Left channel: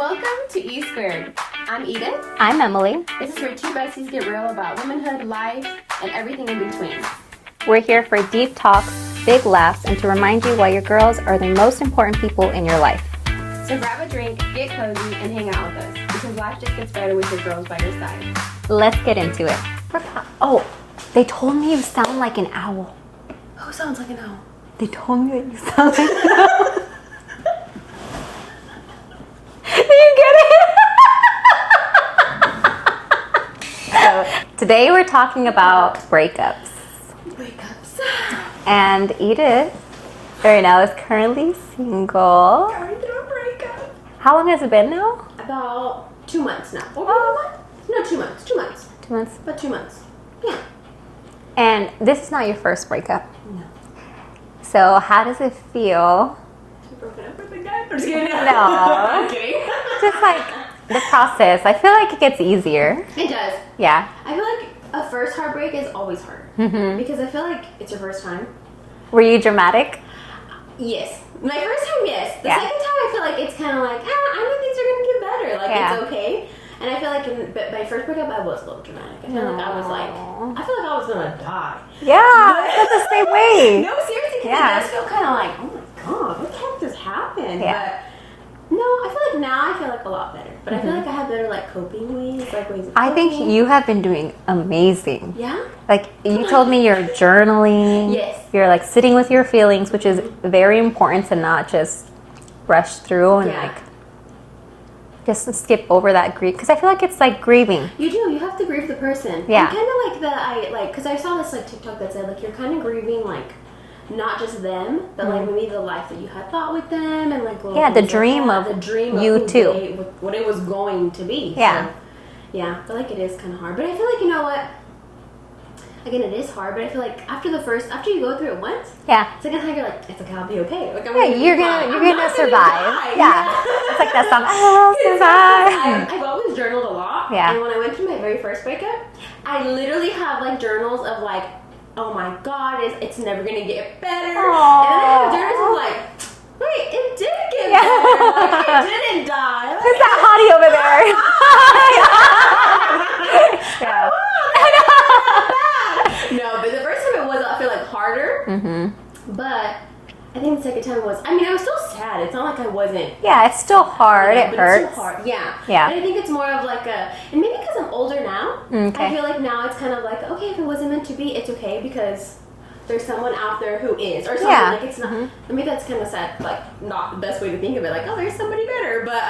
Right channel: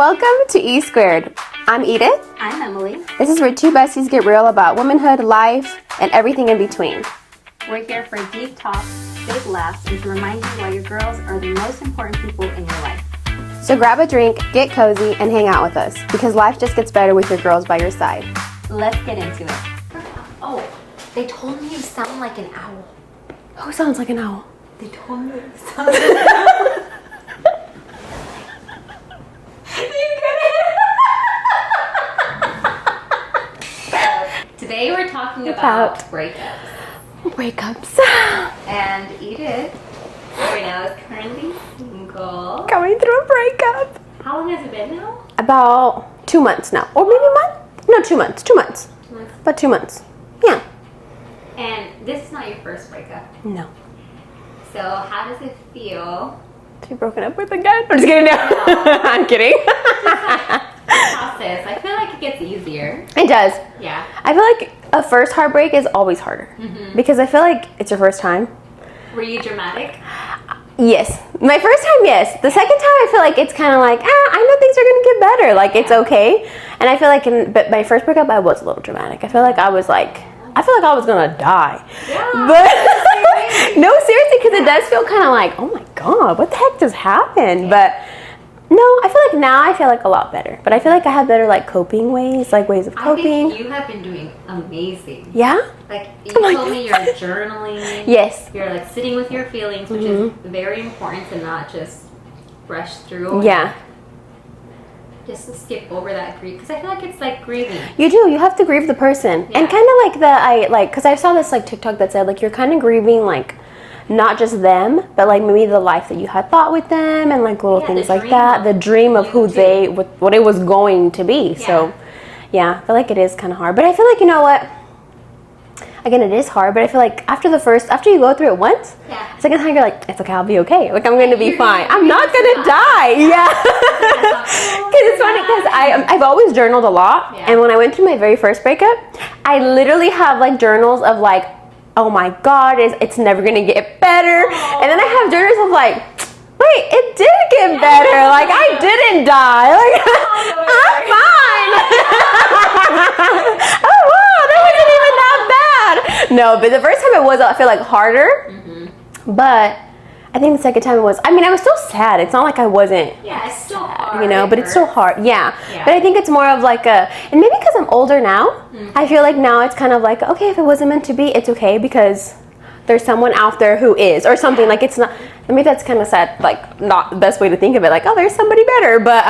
Welcome to E Squared. I'm Edith. I'm Emily. This is where two besties get real about womanhood, life, and everything in between. We're here for deep talks, big laughs, and to remind you why your girls are the most important people in your life. So grab a drink, get cozy, and hang out with us, because life just gets better with your girls by your side. Let's get into it. Oh, they told me you sound like an owl. Who sounds like an owl? They told me you sound like an owl. Do you get it? So, today we're talking about breakups. Breakups. And Edith, right now, is currently single. Going through a breakup. How long has it been now? About 2 months now. Or maybe a month? No, 2 months. 2 months. 2 months. About 2 months. Yeah. And this is not your first breakup. No. So how does it feel To be broken up with again? I'm just kidding. No. I'm kidding. just like the process? I feel like it gets easier. It does. Yeah. I feel like a first heartbreak is always harder. Because I feel like it's your first time. Were you dramatic? Yes. My first time, yes. The second time, I feel like it's kind of like, I know things are going to get better. Like, it's okay. And I feel like, but my first breakup, I was a little dramatic. I feel like I was like, I was going to die. Yeah. But the same way. No, seriously, because it does feel kind of like, oh my God, what the heck just happened? Yeah. But no, I feel like now I feel like a lot better. But I feel like I have better like coping ways, like ways of coping. I think you have been doing amazing. Yeah? Like you told me you're journaling. Yes. You're like sitting with your feelings, which is very important to not just rush through. And Yeah. like, just skip over that grief, because I feel like it's like grieving. You do. You have to grieve the person. Yeah. And kind of like because I saw this like TikTok that said like you're kind of grieving like not just them, but like maybe the life that you had thought with them and like little things the dream like that. of The dream of you who too. what it was going to be. Yeah. So yeah, I feel like it is kind of hard. But I feel like, you know what? Again, it is hard, but I feel like after you go through it once, second time you're like, it's okay, I'll be okay. Like I'm going to be fine. I'm not going to die. Yeah. It's like that song. It's funny because I've always journaled a lot. Yeah. And when I went through my very first breakup, I literally have like journals of like, oh my God, it's never going to get better. Aww. And then I have journals of like, wait, it did get better. Like I didn't die. Like It's hottie over there. I'm fine. Oh wow, that wasn't even that bad. No, but the first time it was, I feel like harder. But I think the second time it was, I mean, I was still sad. It's not like I wasn't. Yeah, it's still hard. You know, it but hurts. it's still hard. Yeah. Yeah. But I think it's more of like and maybe because I'm older now, I feel like now it's kind of like, okay, if it wasn't meant to be, it's okay because there's someone out there who is, or something. Like it's not, I mean, that's kind of sad, like not the best way to think of it. Like, oh, there's somebody better, but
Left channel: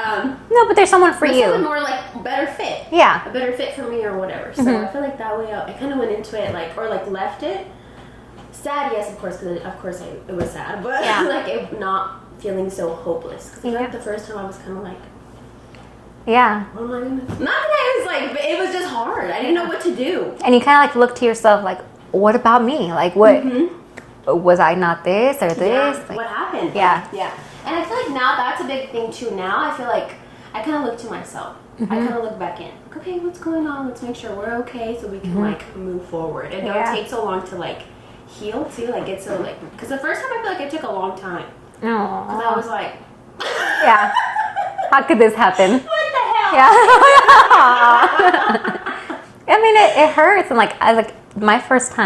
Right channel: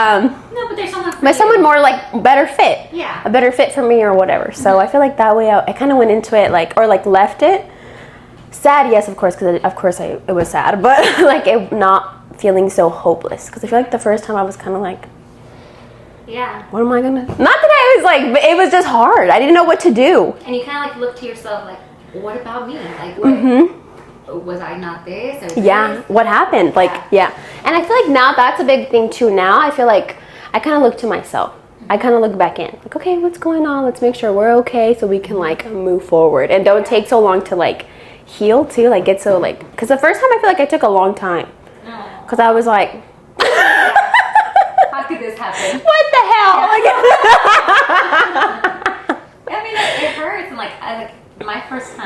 No, but there's someone for you. someone more like better fit. Yeah. A better fit for me or whatever. So I feel like that way I kind of went into it like, or like left it. Sad, yes, of course, because of course it was sad, but like it not feeling so hopeless. Because I feel like the first time I was kind of like, Yeah. what am I gonna? Not that I was like, but it was just hard. I didn't know what to do. And you kind of like look to yourself like, what about me? Like, what was I not this or this? Yeah, what happened? Like, Yeah. And I feel like now that's a big thing too. Now I feel like I kind of look to myself. I kind of look back in, like, okay, what's going on? Let's make sure we're okay so we can like move forward and don't take so long to like heal too. Like get so like, because the first time I feel like I took a long time because I was like, Yeah. How could this happen? what the hell? I mean, it hurts. And like, my first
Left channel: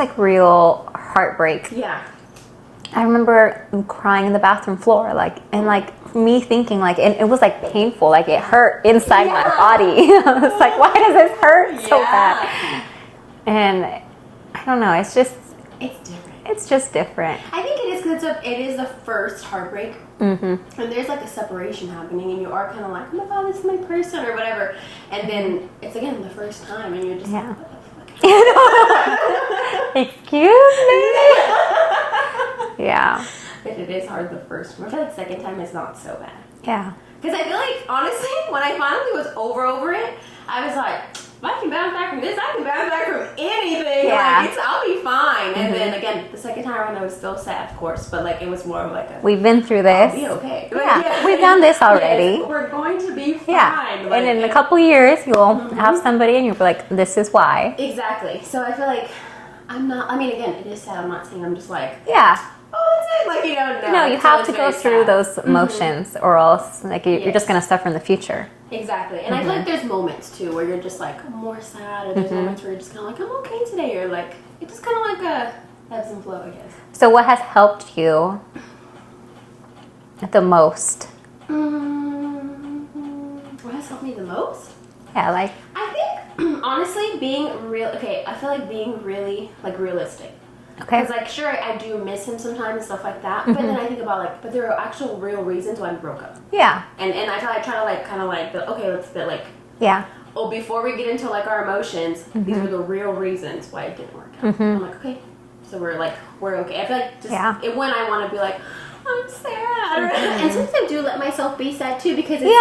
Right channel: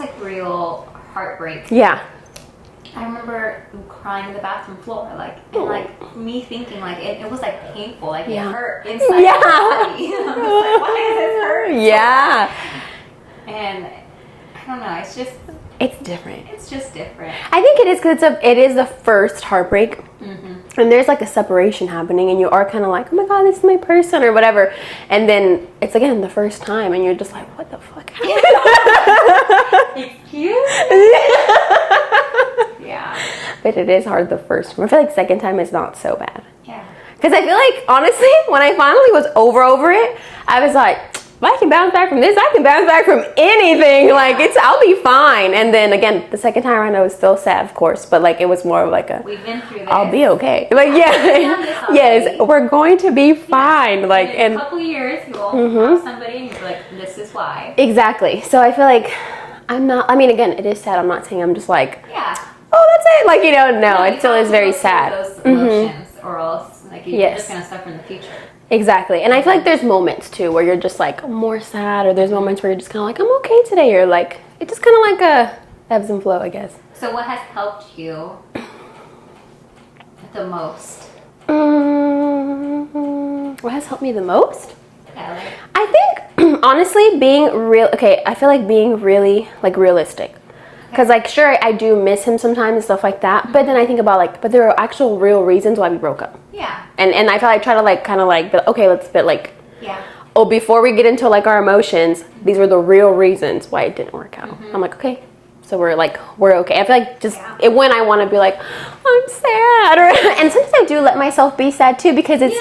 like real heartbreak. Yeah. I remember crying in the bathroom floor, like, and like me thinking like, and it was like painful, like it hurt inside my body. I was like, why does this hurt? So bad? And I don't know. It's different. It's just different. I think it is because it is the first heartbreak, and there's like a separation happening, and you are kind of like, oh my God, this is my person or whatever, and then it's again the first time, and you're just like, what the fuck? Excuse me? Yeah. But it is hard the first time. I feel like second time is not so bad. Yeah. Because I feel like, honestly, when I finally was over it, I was like, if I can bounce back from this, I can bounce back from anything. Yeah. Like, I'll be fine. And then, again, the second time around, I was still sad, of course. But, like, it was more of like We've been through this. I'll be okay. Like, we've done this already. Yes, we're going to be fine. Yeah. Like, and in a couple years, you'll have somebody and you'll be like, this is why. Exactly. So I feel like I'm not, I mean, again, it is sad. I'm not saying I'm just like, oh, that's it. Like, no, you it still have is to very go sad. through those emotions, or else like you're Yes. just gonna suffer in the future. Exactly. And I feel like there's moments too where you're just like more sad, or there's moments where you're just kind of like, I'm okay today, or like it's just kind of like a ebbs and flow, I guess. So what has helped you the most? What has helped me the most? Yeah, like I think honestly being real. Okay, I feel like being really like realistic. Because like sure I do miss him sometimes and stuff like that, but then I think about like, but there are actual real reasons why we broke up. yeah, And I feel like I try to like kind of like, okay, let's fit like, yeah, oh, before we get into like our emotions, these were the real reasons why it didn't work out. I'm like, okay, so we're okay. I feel like just when I want to be like, I'm sad, or and sometimes I do let myself be sad too, because it's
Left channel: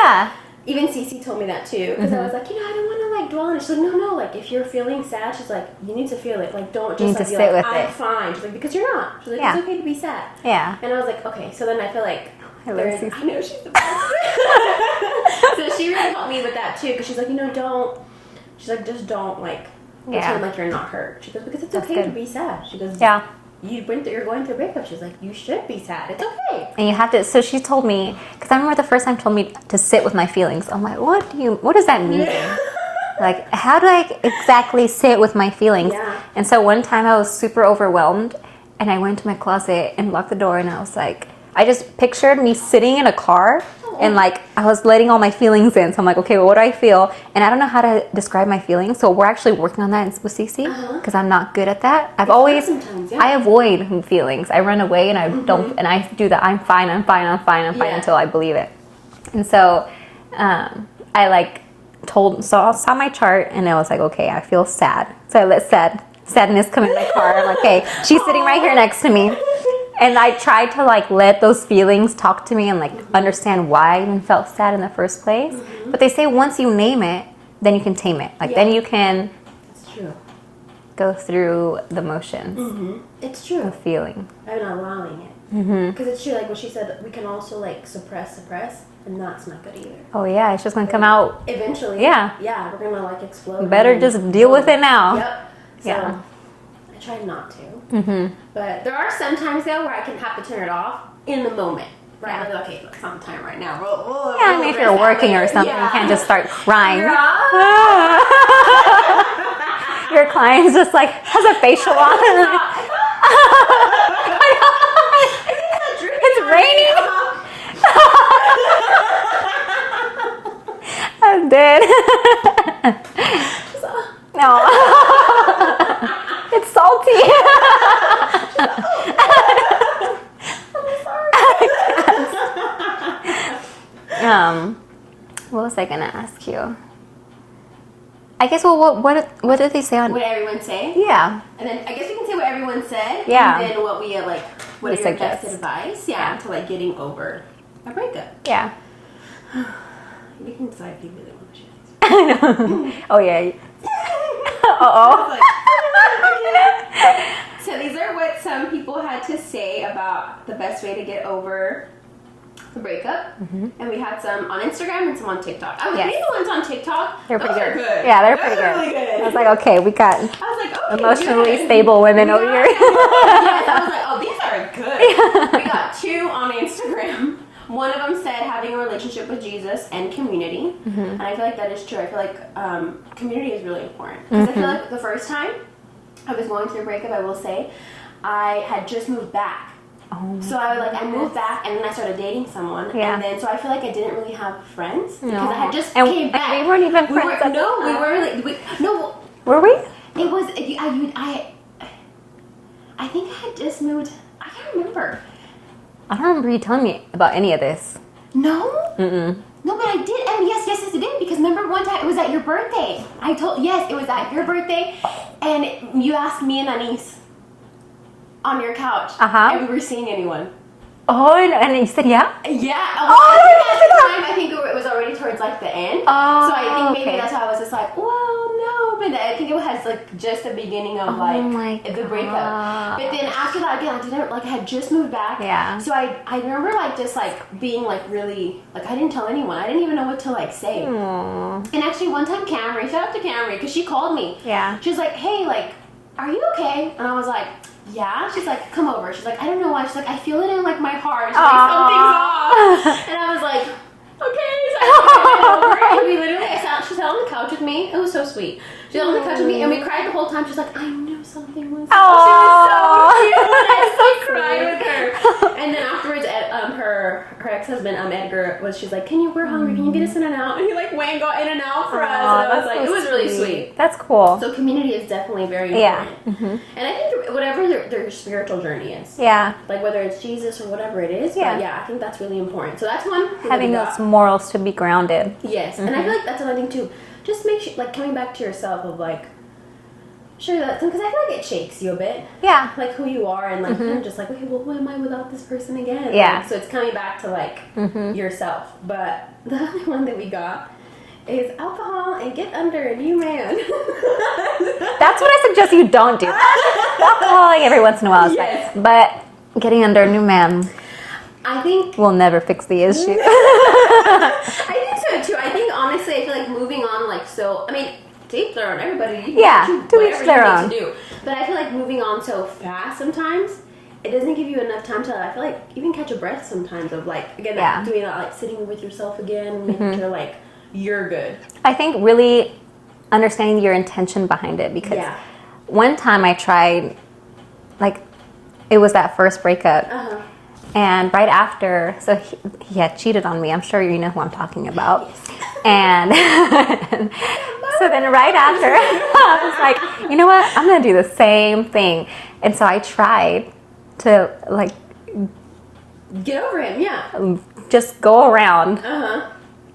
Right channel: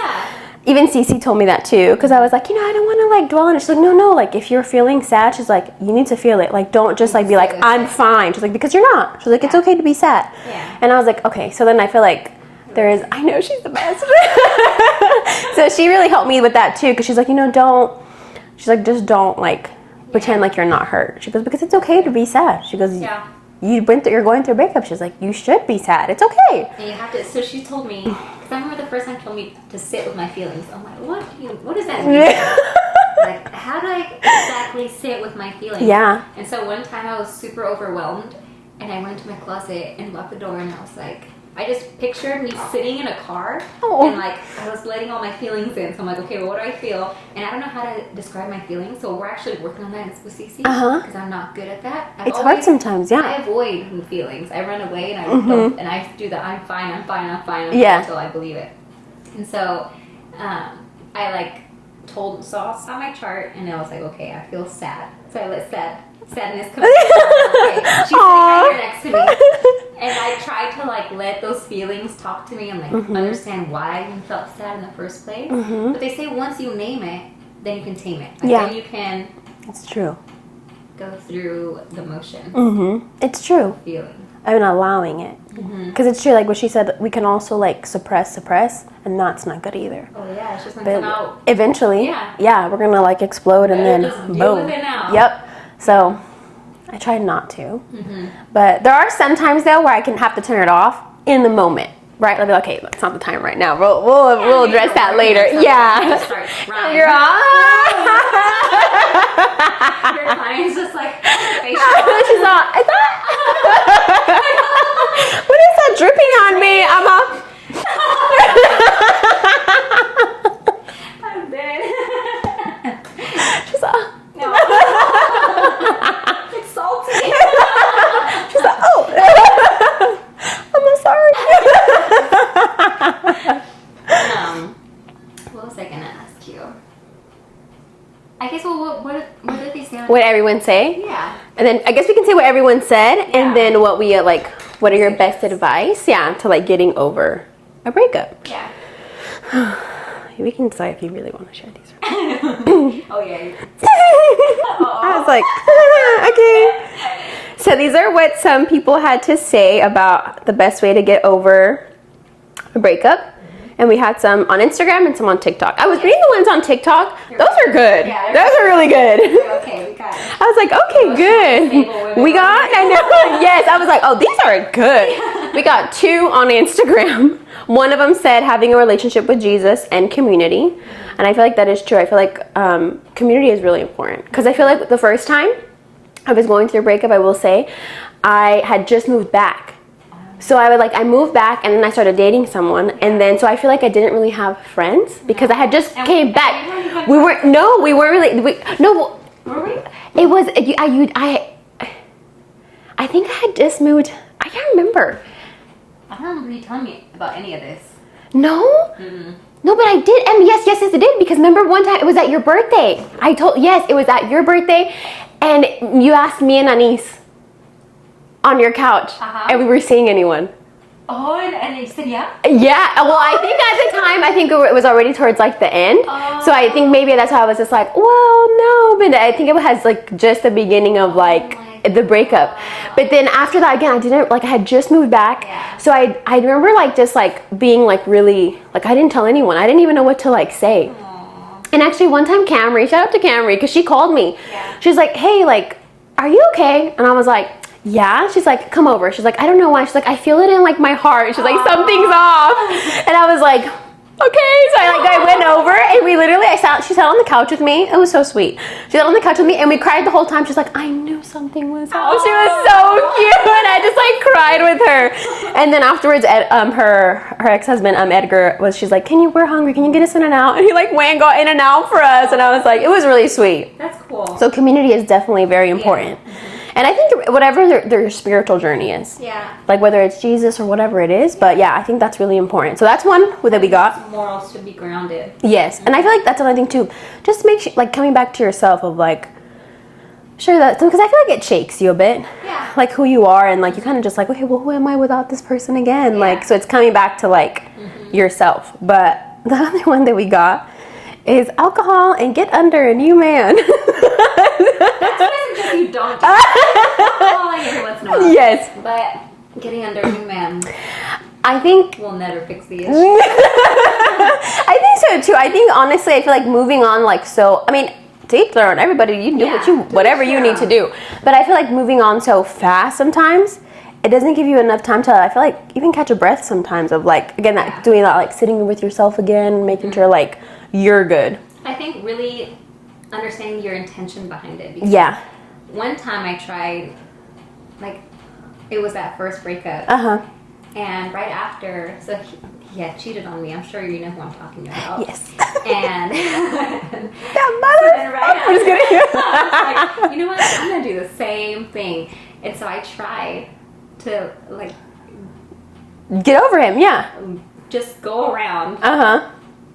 even Cece told me that too, because I was like, I don't want to like dwell on it. She's like, no, like if you're feeling sad, she's like, you need to feel it. Like don't just like be like, I'm fine. She's like, because you're not. She's like, it's okay to be sad. Yeah. And I was like, okay. So then I feel like I know she's the best. So she really helped me with that too, because she's like, just don't like pretend like you're not hurt. She goes, because it's okay to be sad. She goes, you're going through a breakup. She's like, you should be sad. It's okay. And you have to. So she told me, because I remember the first time she told me to sit with my feelings. I'm like, what does that mean? Like, how do I exactly sit with my feelings? Yeah. And so one time I was super overwhelmed, and I went to my closet and locked the door, and I was like, I just pictured me sitting in a car, and like I was letting all my feelings in. So I'm like, okay, well, what do I feel? And I don't know how to describe my feelings. So we're actually working on that with Cece, because I'm not good at that. It's hard sometimes. Yeah. I avoid feelings. I run away, and I don't. And I do that. I'm fine until I believe it. And so I like saw my chart, and I was like, okay, I feel sad. So I let sadness come in the car. I'm like, okay, she's sitting right here next to me. And I tried to like let those feelings talk to me and like understand why I even felt sad in the first place. But they say once you name it, then you can tame it. Like then you can. It's true. Go through the motions. It's true. Feeling. I mean, allowing it. Because it's true. Like what she said, we can also like suppress, and that's not good either. Oh yeah, it's just gonna come out eventually. Yeah, we're gonna like explode. Better and just deal with it now. Yep. So. I try not to, but there are some times though where I can have to turn it off in the moment, right? I'll be like, okay, it's not the time right now. We'll address that later. Yeah, and just start crying. Your client's just like has a facial on. She's not. What is that dripping on me? I'm dead. She's like, no. It's salty. She's like, oh, I'm sorry. What was I gonna ask you? I guess. Well, what did they say on? What everyone say? Yeah. And then I guess we can say what everyone said, and then what we like. What are your best advice? Yeah, to like getting over a breakup. Yeah. We can decide if you really want to share these. I know. Oh yeah. I was like, okay. So these are what some people had to say about the best way to get over a breakup. And we had some on Instagram and some on TikTok. I was reading the ones on TikTok. Those are good. Yeah, those are really good. It's like, okay, we got. I was like, okay, good. Stable women. We got. Yes, I was like, oh, these are good. We got 2 on Instagram. One of them said having a relationship with Jesus and community. And I feel like that is true. I feel like community is really important. Because I feel like the first time I was going through a breakup, I will say, I had just moved back. So I moved back, and then I started dating someone. And then, so I feel like I didn't really have friends because I had just came back. We weren't even friends. We weren't really. Were we? It was, I think I had just moved. I can't remember. I don't remember you telling me about any of this. No? No, but I did. And yes, it did. Because remember one time, it was at your birthday. It was at your birthday. And you asked me and Anise on your couch. And we were seeing anyone. Oh, and you said yeah? Yeah. Well, I think at the time, it was already towards like the end. So I think maybe that's why I was just like, well, no. But I think it was like just the beginning of like the breakup. But then after that, again, I had just moved back. Yeah. So I remember like just like being like really, like I didn't tell anyone. I didn't even know what to like say. And actually one time shout out to Camry, because she called me. Yeah. She was like, hey, like, are you okay? And I was like, yeah. She's like, come over. She's like, I don't know why. She's like, I feel it in like my heart. She's like, something's off. And I was like, okay. So I went over and we literally, she sat on the couch with me. It was so sweet. She sat on the couch with me and we cried the whole time. She's like, I knew something was off. She was so cute. And I just like cried with her. And then afterwards, her ex-husband, Edgar, she's like, we're hungry. Can you get us in and out? And he like went and got in and out for us. And I was like, it was really sweet. That's cool. So community is definitely very important. Yeah. And I think whatever their spiritual journey is. Yeah. Like whether it's Jesus or whatever it is. But yeah, I think that's really important. So that's one that we got. Morals to be grounded. Yes. And I feel like that's another thing too. Just make sure, like coming back to yourself of like, sure that, because I feel like it shakes you a bit. Yeah. Like who you are and like you kind of just like, okay, well who am I without this person again? Yeah. Like, so it's coming back to like yourself. But the other one that we got is alcohol and get under a new man. That's what I suggest you don't do. Alcohol every once in a while. Yes. But getting under a new man, I think will never fix the issue. I think so too. I think honestly, I feel like moving on, like, so, I mean, to each their own, everybody, you do whatever you need to do. But I feel like moving on so fast sometimes, it doesn't give you enough time to, I feel like, even catch a breath sometimes of like, again, that, doing that, like sitting with yourself again, making sure like you're good. I think really understanding your intention behind it. Because one time I tried, like, it was that first breakup. And right after, so he had cheated on me. I'm sure you know who I'm talking about. Yes. And so then right after, I was like, you know what? I'm going to do the same thing. And so I tried to, like, get over him, just go around.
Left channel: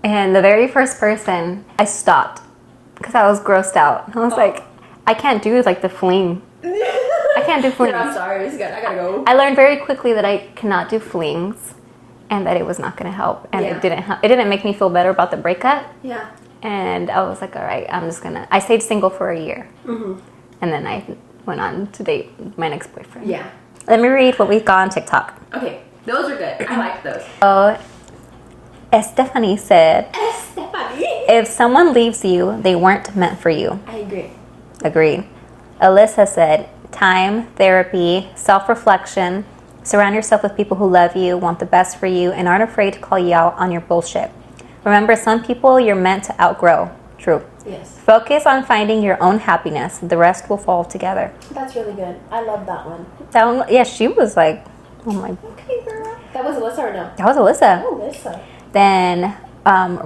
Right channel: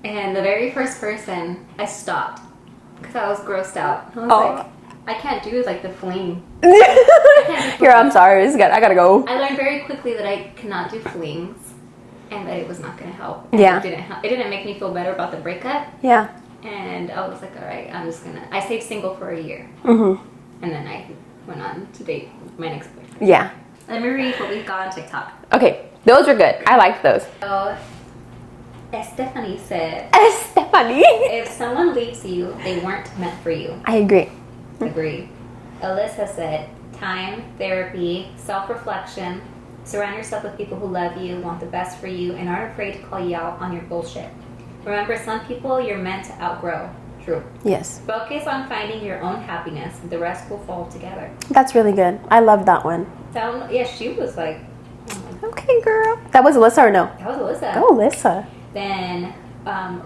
And the very first person, I stopped because I was grossed out. I was like, I can't do like the fling. I can't do flings. I'm sorry. I gotta go. I learned very quickly that I cannot do flings, and that it was not going to help. And it didn't help. It didn't make me feel better about the breakup. Yeah. And I was like, all right, I'm just gonna. I stayed single for a year, and then I went on to date my next boyfriend. Yeah. Let me read what we got on TikTok. Okay, those are good. I like those. So, Stephanie said, if someone leaves you, they weren't meant for you. I agree. Agreed. Alyssa said, time, therapy, self-reflection, surround yourself with people who love you, want the best for you, and aren't afraid to call you out on your bullshit. Remember, some people you're meant to outgrow. True. Yes. Focus on finding your own happiness. The rest will fall together. That's really good. I love that one. That one, yeah, she was like, oh my, okay, girl. That was Alyssa or no? That was Alyssa. Oh, Alyssa. Then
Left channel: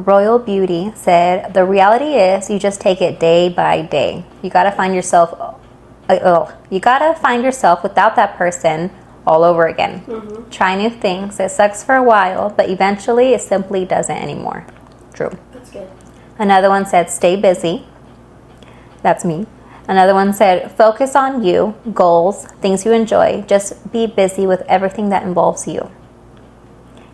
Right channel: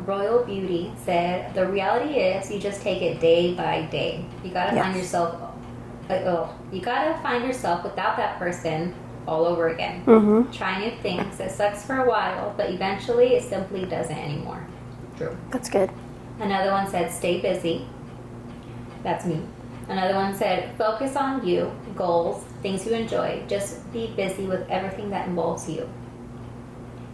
Royal Beauty said, the reality is you just take it day by day. You got to find yourself, you got to find yourself without that person all over again. Try new things. It sucks for a while, but eventually it simply doesn't anymore. True. That's good. Another one said, stay busy. That's me. Another one said, focus on you, goals, things you enjoy. Just be busy with everything that involves you.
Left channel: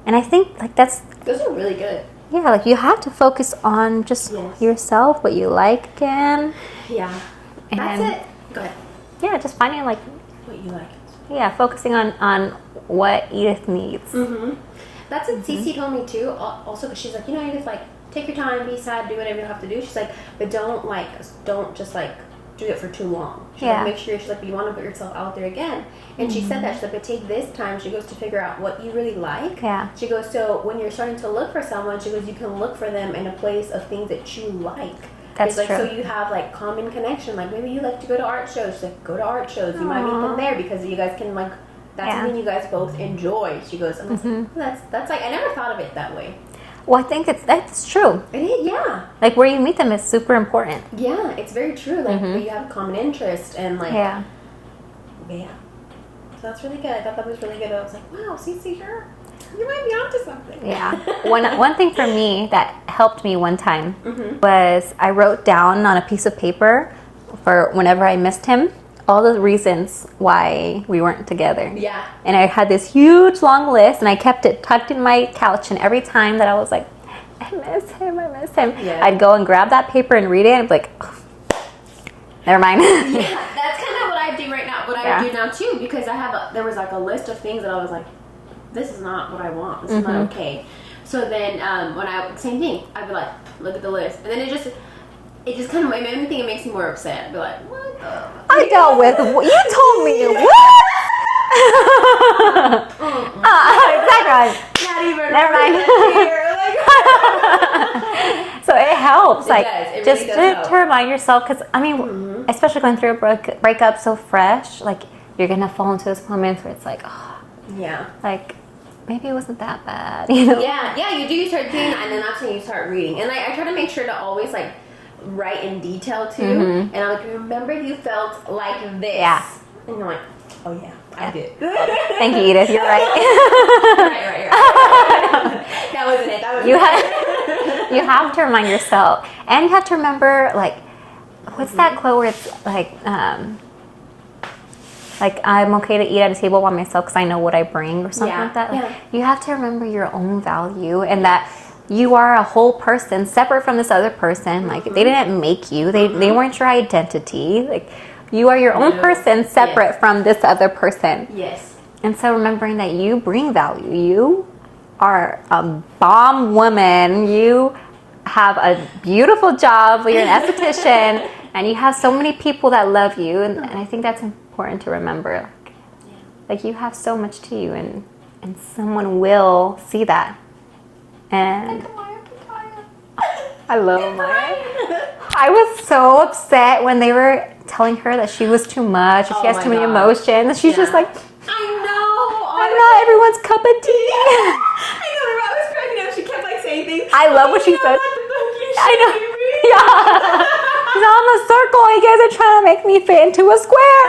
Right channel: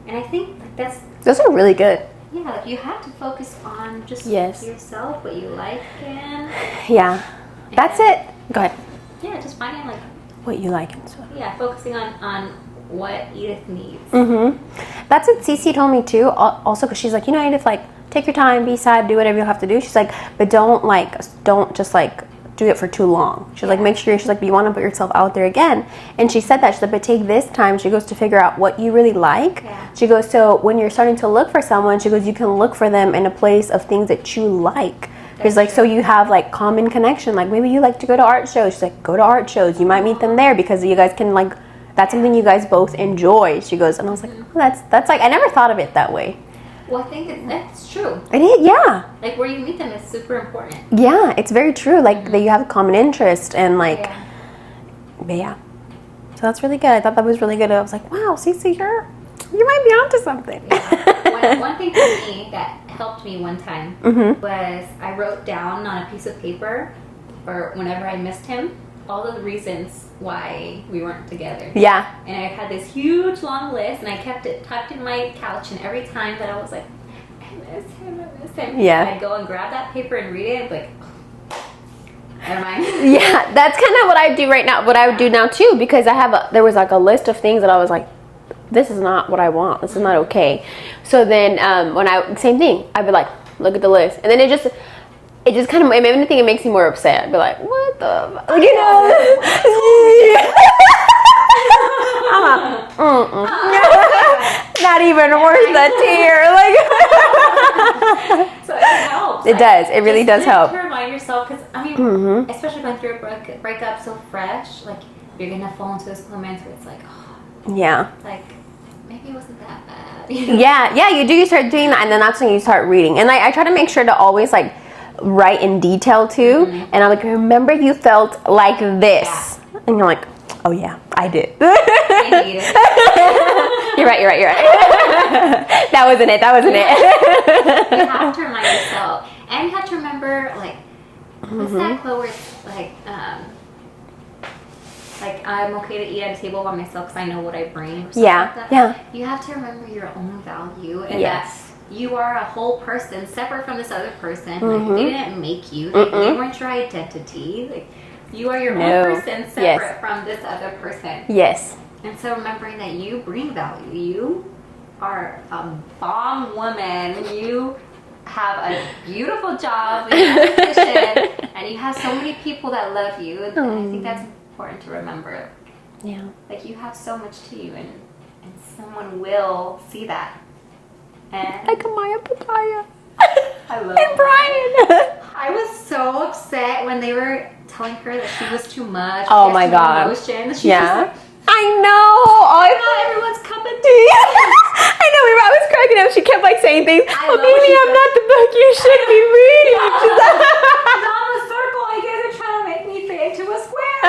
And I think like those are really good. Yeah, like you have to focus on just yourself, what you like again. Yeah. And that's it. Go ahead. Yeah, just finding like what you like and stuff. Yeah, focusing on what Edith needs. That's what Cece told me too. Also, because she's like, Edith, like, take your time, be sad, do whatever you have to do. She's like, but don't just like do it for too long. She's like, make sure, she's like, you want to put yourself out there again. And she said that, she's like, but take this time, she goes, to figure out what you really like. Yeah. She goes, so when you're starting to look for someone, she goes, you can look for them in a place of things that you like. It's like, so you have like common connection. Like maybe you like to go to art shows. She's like, go to art shows. You might meet them there because you guys can like, that's something you guys both enjoy. She goes, and I was like, oh, that's like, I never thought of it that way. Well, I think that's true. It is, yeah. Like where you meet them is super important. Yeah, it's very true. Like that you have a common interest and like, yeah. So that's really good. I thought that was really good. I was like, wow, Cece, you might be onto something. Yeah. One thing for me that helped me one time was I wrote down on a piece of paper for whenever I missed him all the reasons why we weren't together. Yeah. And I had this huge long list and I kept it tucked in my couch, and every time that I was like, I miss him, yeah, I'd go and grab that paper and read it and I'd be like, oh, never mind. Yeah, that's kind of what I do right now, what I would do now too, because there was like a list of things that I was like, this is not what I want. This is not okay. So then same thing, I'd be like, look at the list. And then it just, it just kind of, if anything, it makes me more upset. I'd be like, what the? I dealt with. You told me. Not even worth the tear. Like, so it helps. It does. It really does help. To remind yourself, because I mean, especially going through a breakup so fresh, like you're gonna fall into those moments where it's like, oh, yeah, like maybe it wasn't that bad. You know? Yeah, you do. You start doing that, and then that's when you start reading. And I try to make sure to always like write in detail too. And I'm like, remember you felt like this, and you're like, oh yeah, I did. Thank you, Edith. You're right. You're right. That wasn't it. You have to remind yourself, and you have to remember, like, what's that quote where it's like I'm okay to eat at a table by myself because I know what I bring, or something like that. Yeah. You have to remember your own value, and that you are a whole person separate from this other person. Like, they didn't make you. They weren't your identity. Like, you are your own person separate from this other person. Yes. And so remembering that you bring value. You are a bomb woman. You have a beautiful job. You're an esthetician. And you have so many people that love you. And I think that's important to remember. Yeah. Like, you have so much to you. And someone will see that. And Like a Maya Papaya. I love And Brian. I was so upset when they were telling her that she was too much. Oh she has my too God. many emotions. She's just like, I know. I'm not everyone's cup of tea. I know. I was cracking up. She kept like saying things. I love what she I'm said. not the book you should be reading. She's on the circle. You guys are trying to make me fit into a square.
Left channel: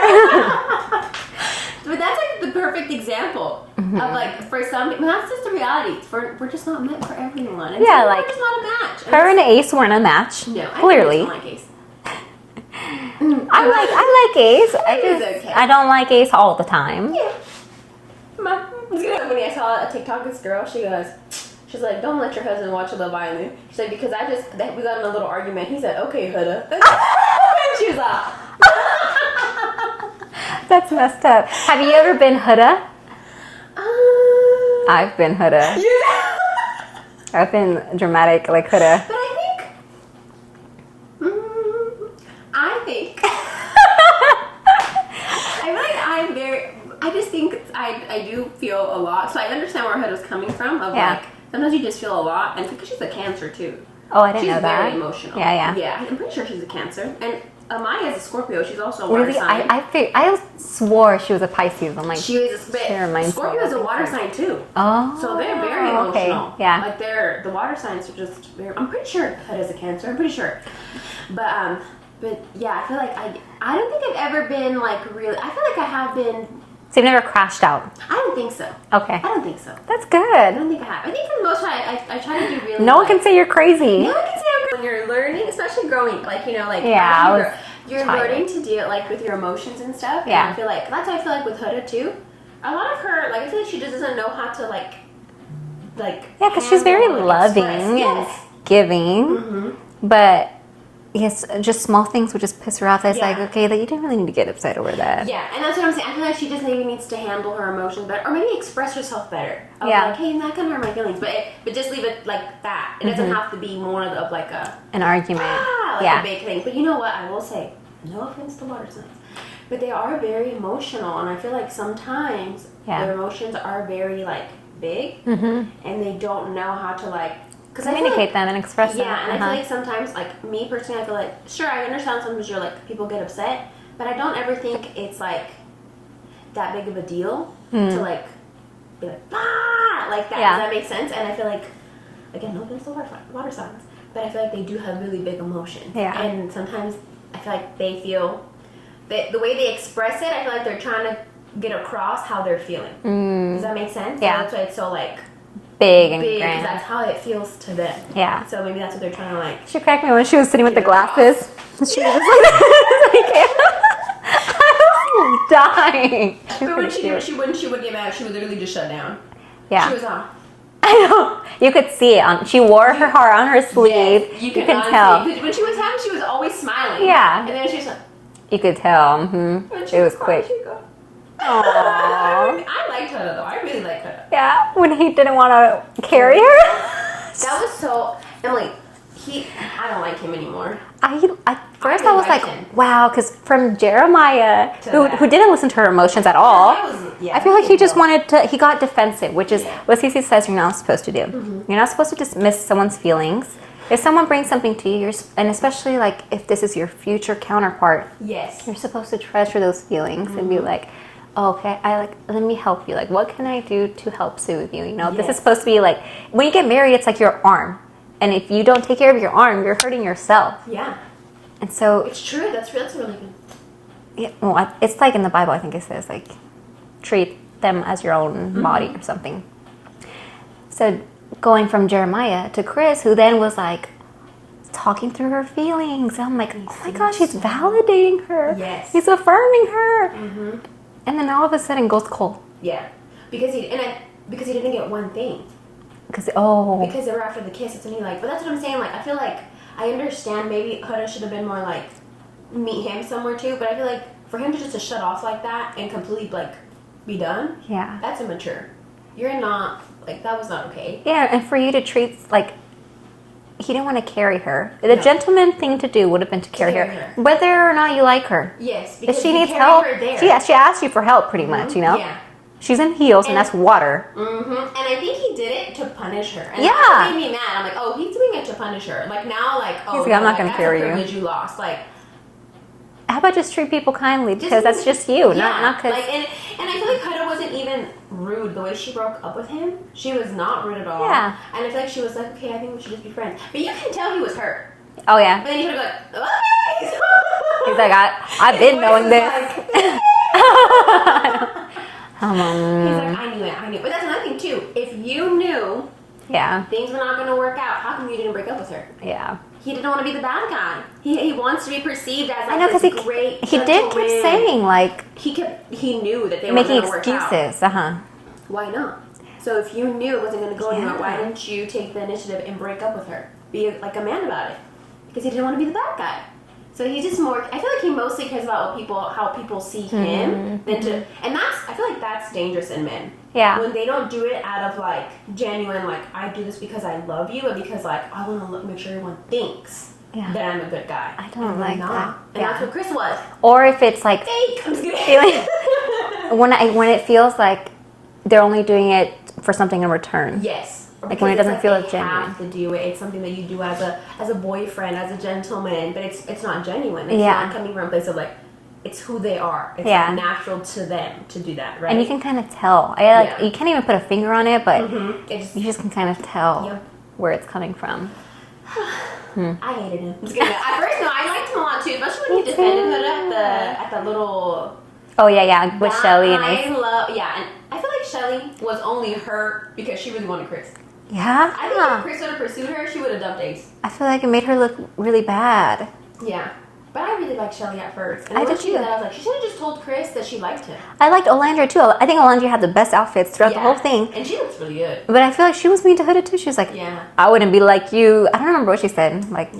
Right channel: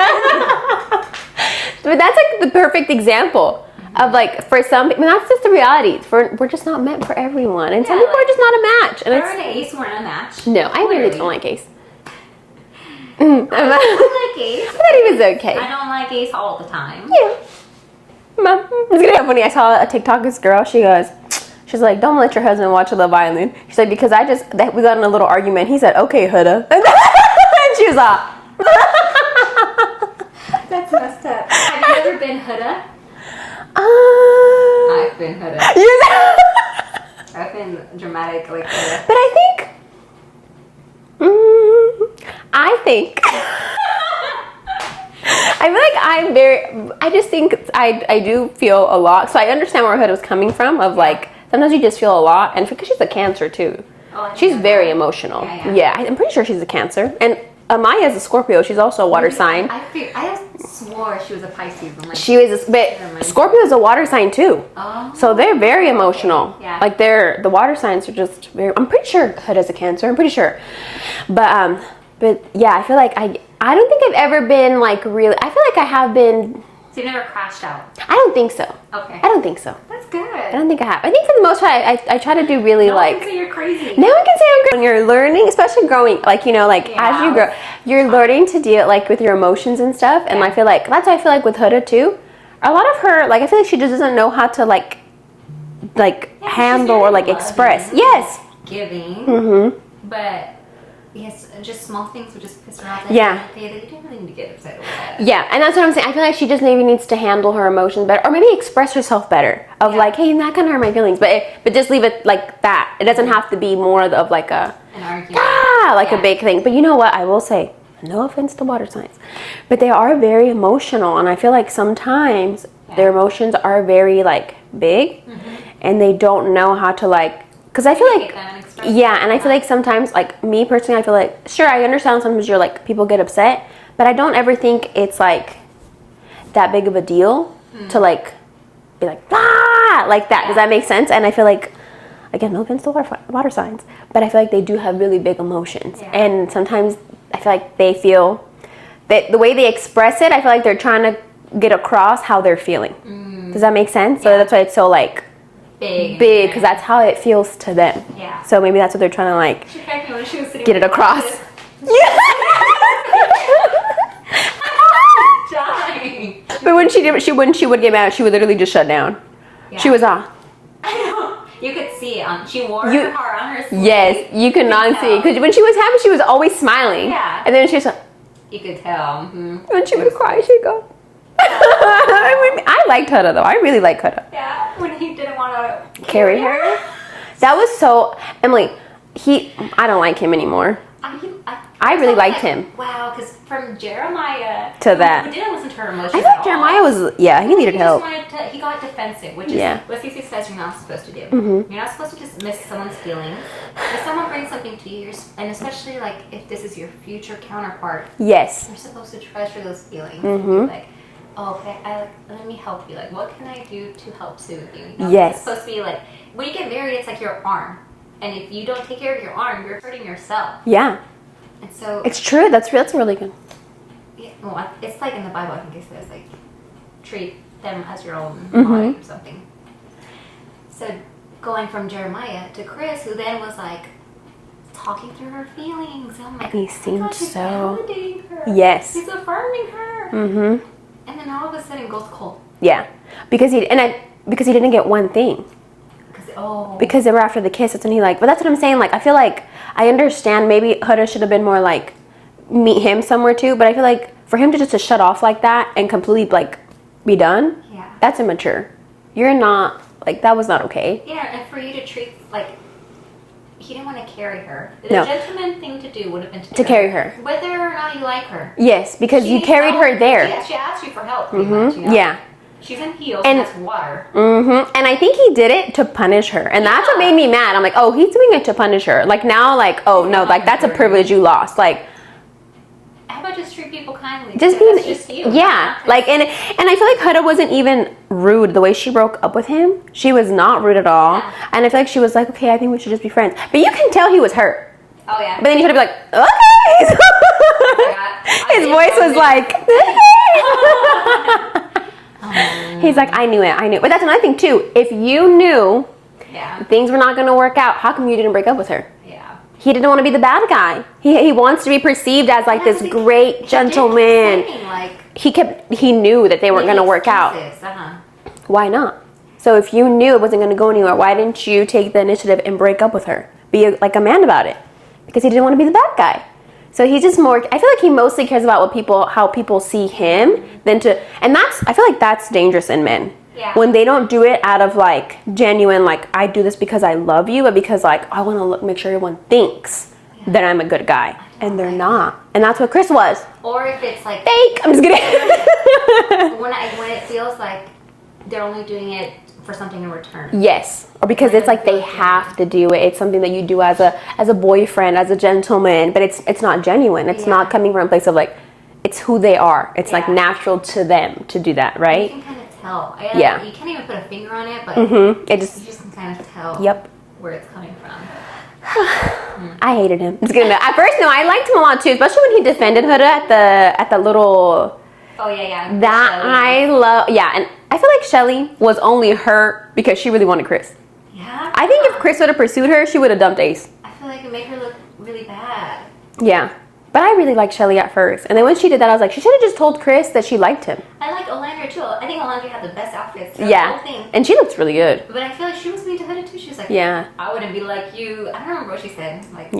But that's like the perfect example of like, for some people, that's just the reality. We're just not meant for everyone. And some people are just not a match. And her and Ace weren't a match. no, I Clearly. really don't like Ace. I like Ace. I think he was okay. I don't like Ace all the time. Yeah. Mom, it's gonna be funny. I saw a TikTok, this girl, she's like, don't let your husband watch Love Island. She's like, because we got in a little argument. He said, okay, Huda. And she was like, That's messed up. Have you ever been Huda? I've been Huda. I've been dramatic like Huda. But I think I feel like I just think I do feel a lot. So I understand where Huda's coming from of like, sometimes you just feel a lot. And because she's a Cancer too. Oh, I didn't She's know very that. emotional. Yeah. Yeah, I'm pretty sure she's a Cancer. And Amaya's a Scorpio. She's also a water sign. I swore she was a Pisces. I'm like, She was, but Scorpio is a water sign too. Oh, so they're very emotional. Okay. Yeah, like the water signs are just very. I'm pretty sure Huda's a Cancer. I'm pretty sure, but yeah, I feel like I don't think I've ever been like really. I feel like I have been. So you've never crashed out? I don't think so. Okay, I don't think so. That's good. I don't think I have. I think for the most part, I try to do really. No like, one can say you're crazy. No one can say I'm crazy. When you're learning, especially growing, like, you know, like as you grow, you're learning to deal like with your emotions and stuff. And I feel like that's what I feel like with Huda too. A lot of her, like, I feel like she just doesn't know how to like handle or like express. Yes, giving. But yes, just small things would just piss her off. Like, okay, that you didn't really need to get upset over that. Yeah, and that's what I'm saying. I feel like she just maybe needs to handle her emotions better, or maybe express herself better. Of like, hey, that kind of hurt my feelings, but just leave it like that. It doesn't have to be more of like an argument, a big thing. But you know what? I will say, no offense to water signs, but they are very emotional, and I feel like sometimes their emotions are very like big, and they don't know how to like. Because I feel like them and express them. And I feel like sometimes, like me personally, I feel like sure I understand sometimes you're like people get upset, but I don't ever think it's like that big of a deal to like be like like that. Does that make sense? And I feel like, again, no offense to water signs, but I feel like they do have really big emotions, and sometimes I feel like they feel that the way they express it, I feel like they're trying to get across how they're feeling. Does that make sense? So that's why it's so like. Big because that's how it feels to them. Yeah. So maybe that's what they're trying to like. She cracked me when she was sitting with the glasses. I was dying. But when she would get mad, she would literally just shut down. Yeah. She was off. I know. You could see it on. She wore her heart on her sleeve. Yes, you could not see because when she was happy, she was always smiling. Yeah. And then she was like, you could tell. When she was crying, she'd go. I liked Huda though. I really like Huda. Yeah, when he didn't want to carry her. That was so, Emily, I don't like him anymore. I really was liked him. Wow, because from Jeremiah who didn't listen to her emotions at all. Jeremiah was I feel like he just wanted to. He got defensive, which is what Cece says you're not supposed to do. Mm-hmm. You're not supposed to dismiss someone's feelings. If someone brings something to you, and especially like if this is your future counterpart, yes, you're supposed to treasure those feelings and be like, oh, okay, let me help you. Like, what can I do to help soothe you? You know, this is supposed to be like when you get married, it's like your arm. And if you don't take care of your arm, you're hurting yourself. Yeah. And so... It's true. That's really good. Yeah, well, it's like in the Bible, I think it says, like, treat them as your own body or something. So going from Jeremiah to Chris, who then was, like, talking through her feelings. I'm like, oh my gosh, he's validating her. Yes. He's affirming her. Mm-hmm. And then all of a sudden goes cold. Yeah. Because he didn't get one thing. Because they were after the kiss, and he like, but that's what I'm saying. Like, I feel like I understand maybe Huda should have been more like meet him somewhere too, but I feel like for him to shut off like that and completely like be done, that's immature. You're not like that was not okay. Yeah, and for you to treat like he didn't want to carry her. The gentleman thing to do would have been to carry her, whether or not you like her. Yes, because you carried her there. She asked you for help, pretty much. You know. Yeah. She's in heels, and that's water. Mm-hmm. And I think he did it to punish her. And that's what made me mad. I'm like, oh, he's doing it to punish her. Like, now, like, oh, no, like, that's a privilege you lost. Like, how about just treat people kindly? Because that's just you. Yeah. Like, and I feel like Huda wasn't even rude the way she broke up with him. She was not rude at all. Yeah. And I feel like she was like, okay, I think we should just be friends. But you can tell he was hurt. Oh, yeah. But then you should be like, okay. He's like, his voice was like, he's like, I knew it. But that's another thing too. If you knew things were not going to work out, how come you didn't break up with her? Yeah. He didn't want to be the bad guy. He wants to be perceived as like this great gentleman. He did keep saying, like, he knew that they weren't going to work out. Why not? So if you knew it wasn't going to go anywhere, why didn't you take the initiative and break up with her? Be like a man about it. Because he didn't want to be the bad guy. So he's just more, I feel like he mostly cares about how people see him and I feel like that's dangerous in men. Yeah. When they don't do it out of like genuine, like I do this because I love you, but because like I want to make sure everyone thinks that I'm a good guy. And they're not. And that's what Chris was. Or if it's like fake. I'm just kidding. when it feels like they're only doing it for something in return. Yes. Or because it's like they have to do it. It's something that you do as a boyfriend, as a gentleman, but it's not genuine. It's not coming from a place of like, it's who they are. It's like natural to them to do that, right? And you can kind of tell. You can't even put a finger on it, but you just can kind of tell where it's coming from. I hated him. At first, no, I liked him a lot too, especially when he defended Huda at the little... Oh, yeah. That Shelly I love. Yeah, and I feel like Shelly was only hurt because she really wanted Chris. Yeah? I think if Chris would have pursued her, she would have dumped Ace. I feel like it made her look really bad. Yeah. But I really liked Shelly at first. And then when she did that, I was like, she should have just told Chris that she liked him. I liked Olandra too. I think Olandra had the best outfits throughout the whole thing. And she looks really good. But I feel like she was mean to Huda too. She was like, I wouldn't be like you. I don't remember what she said. Like,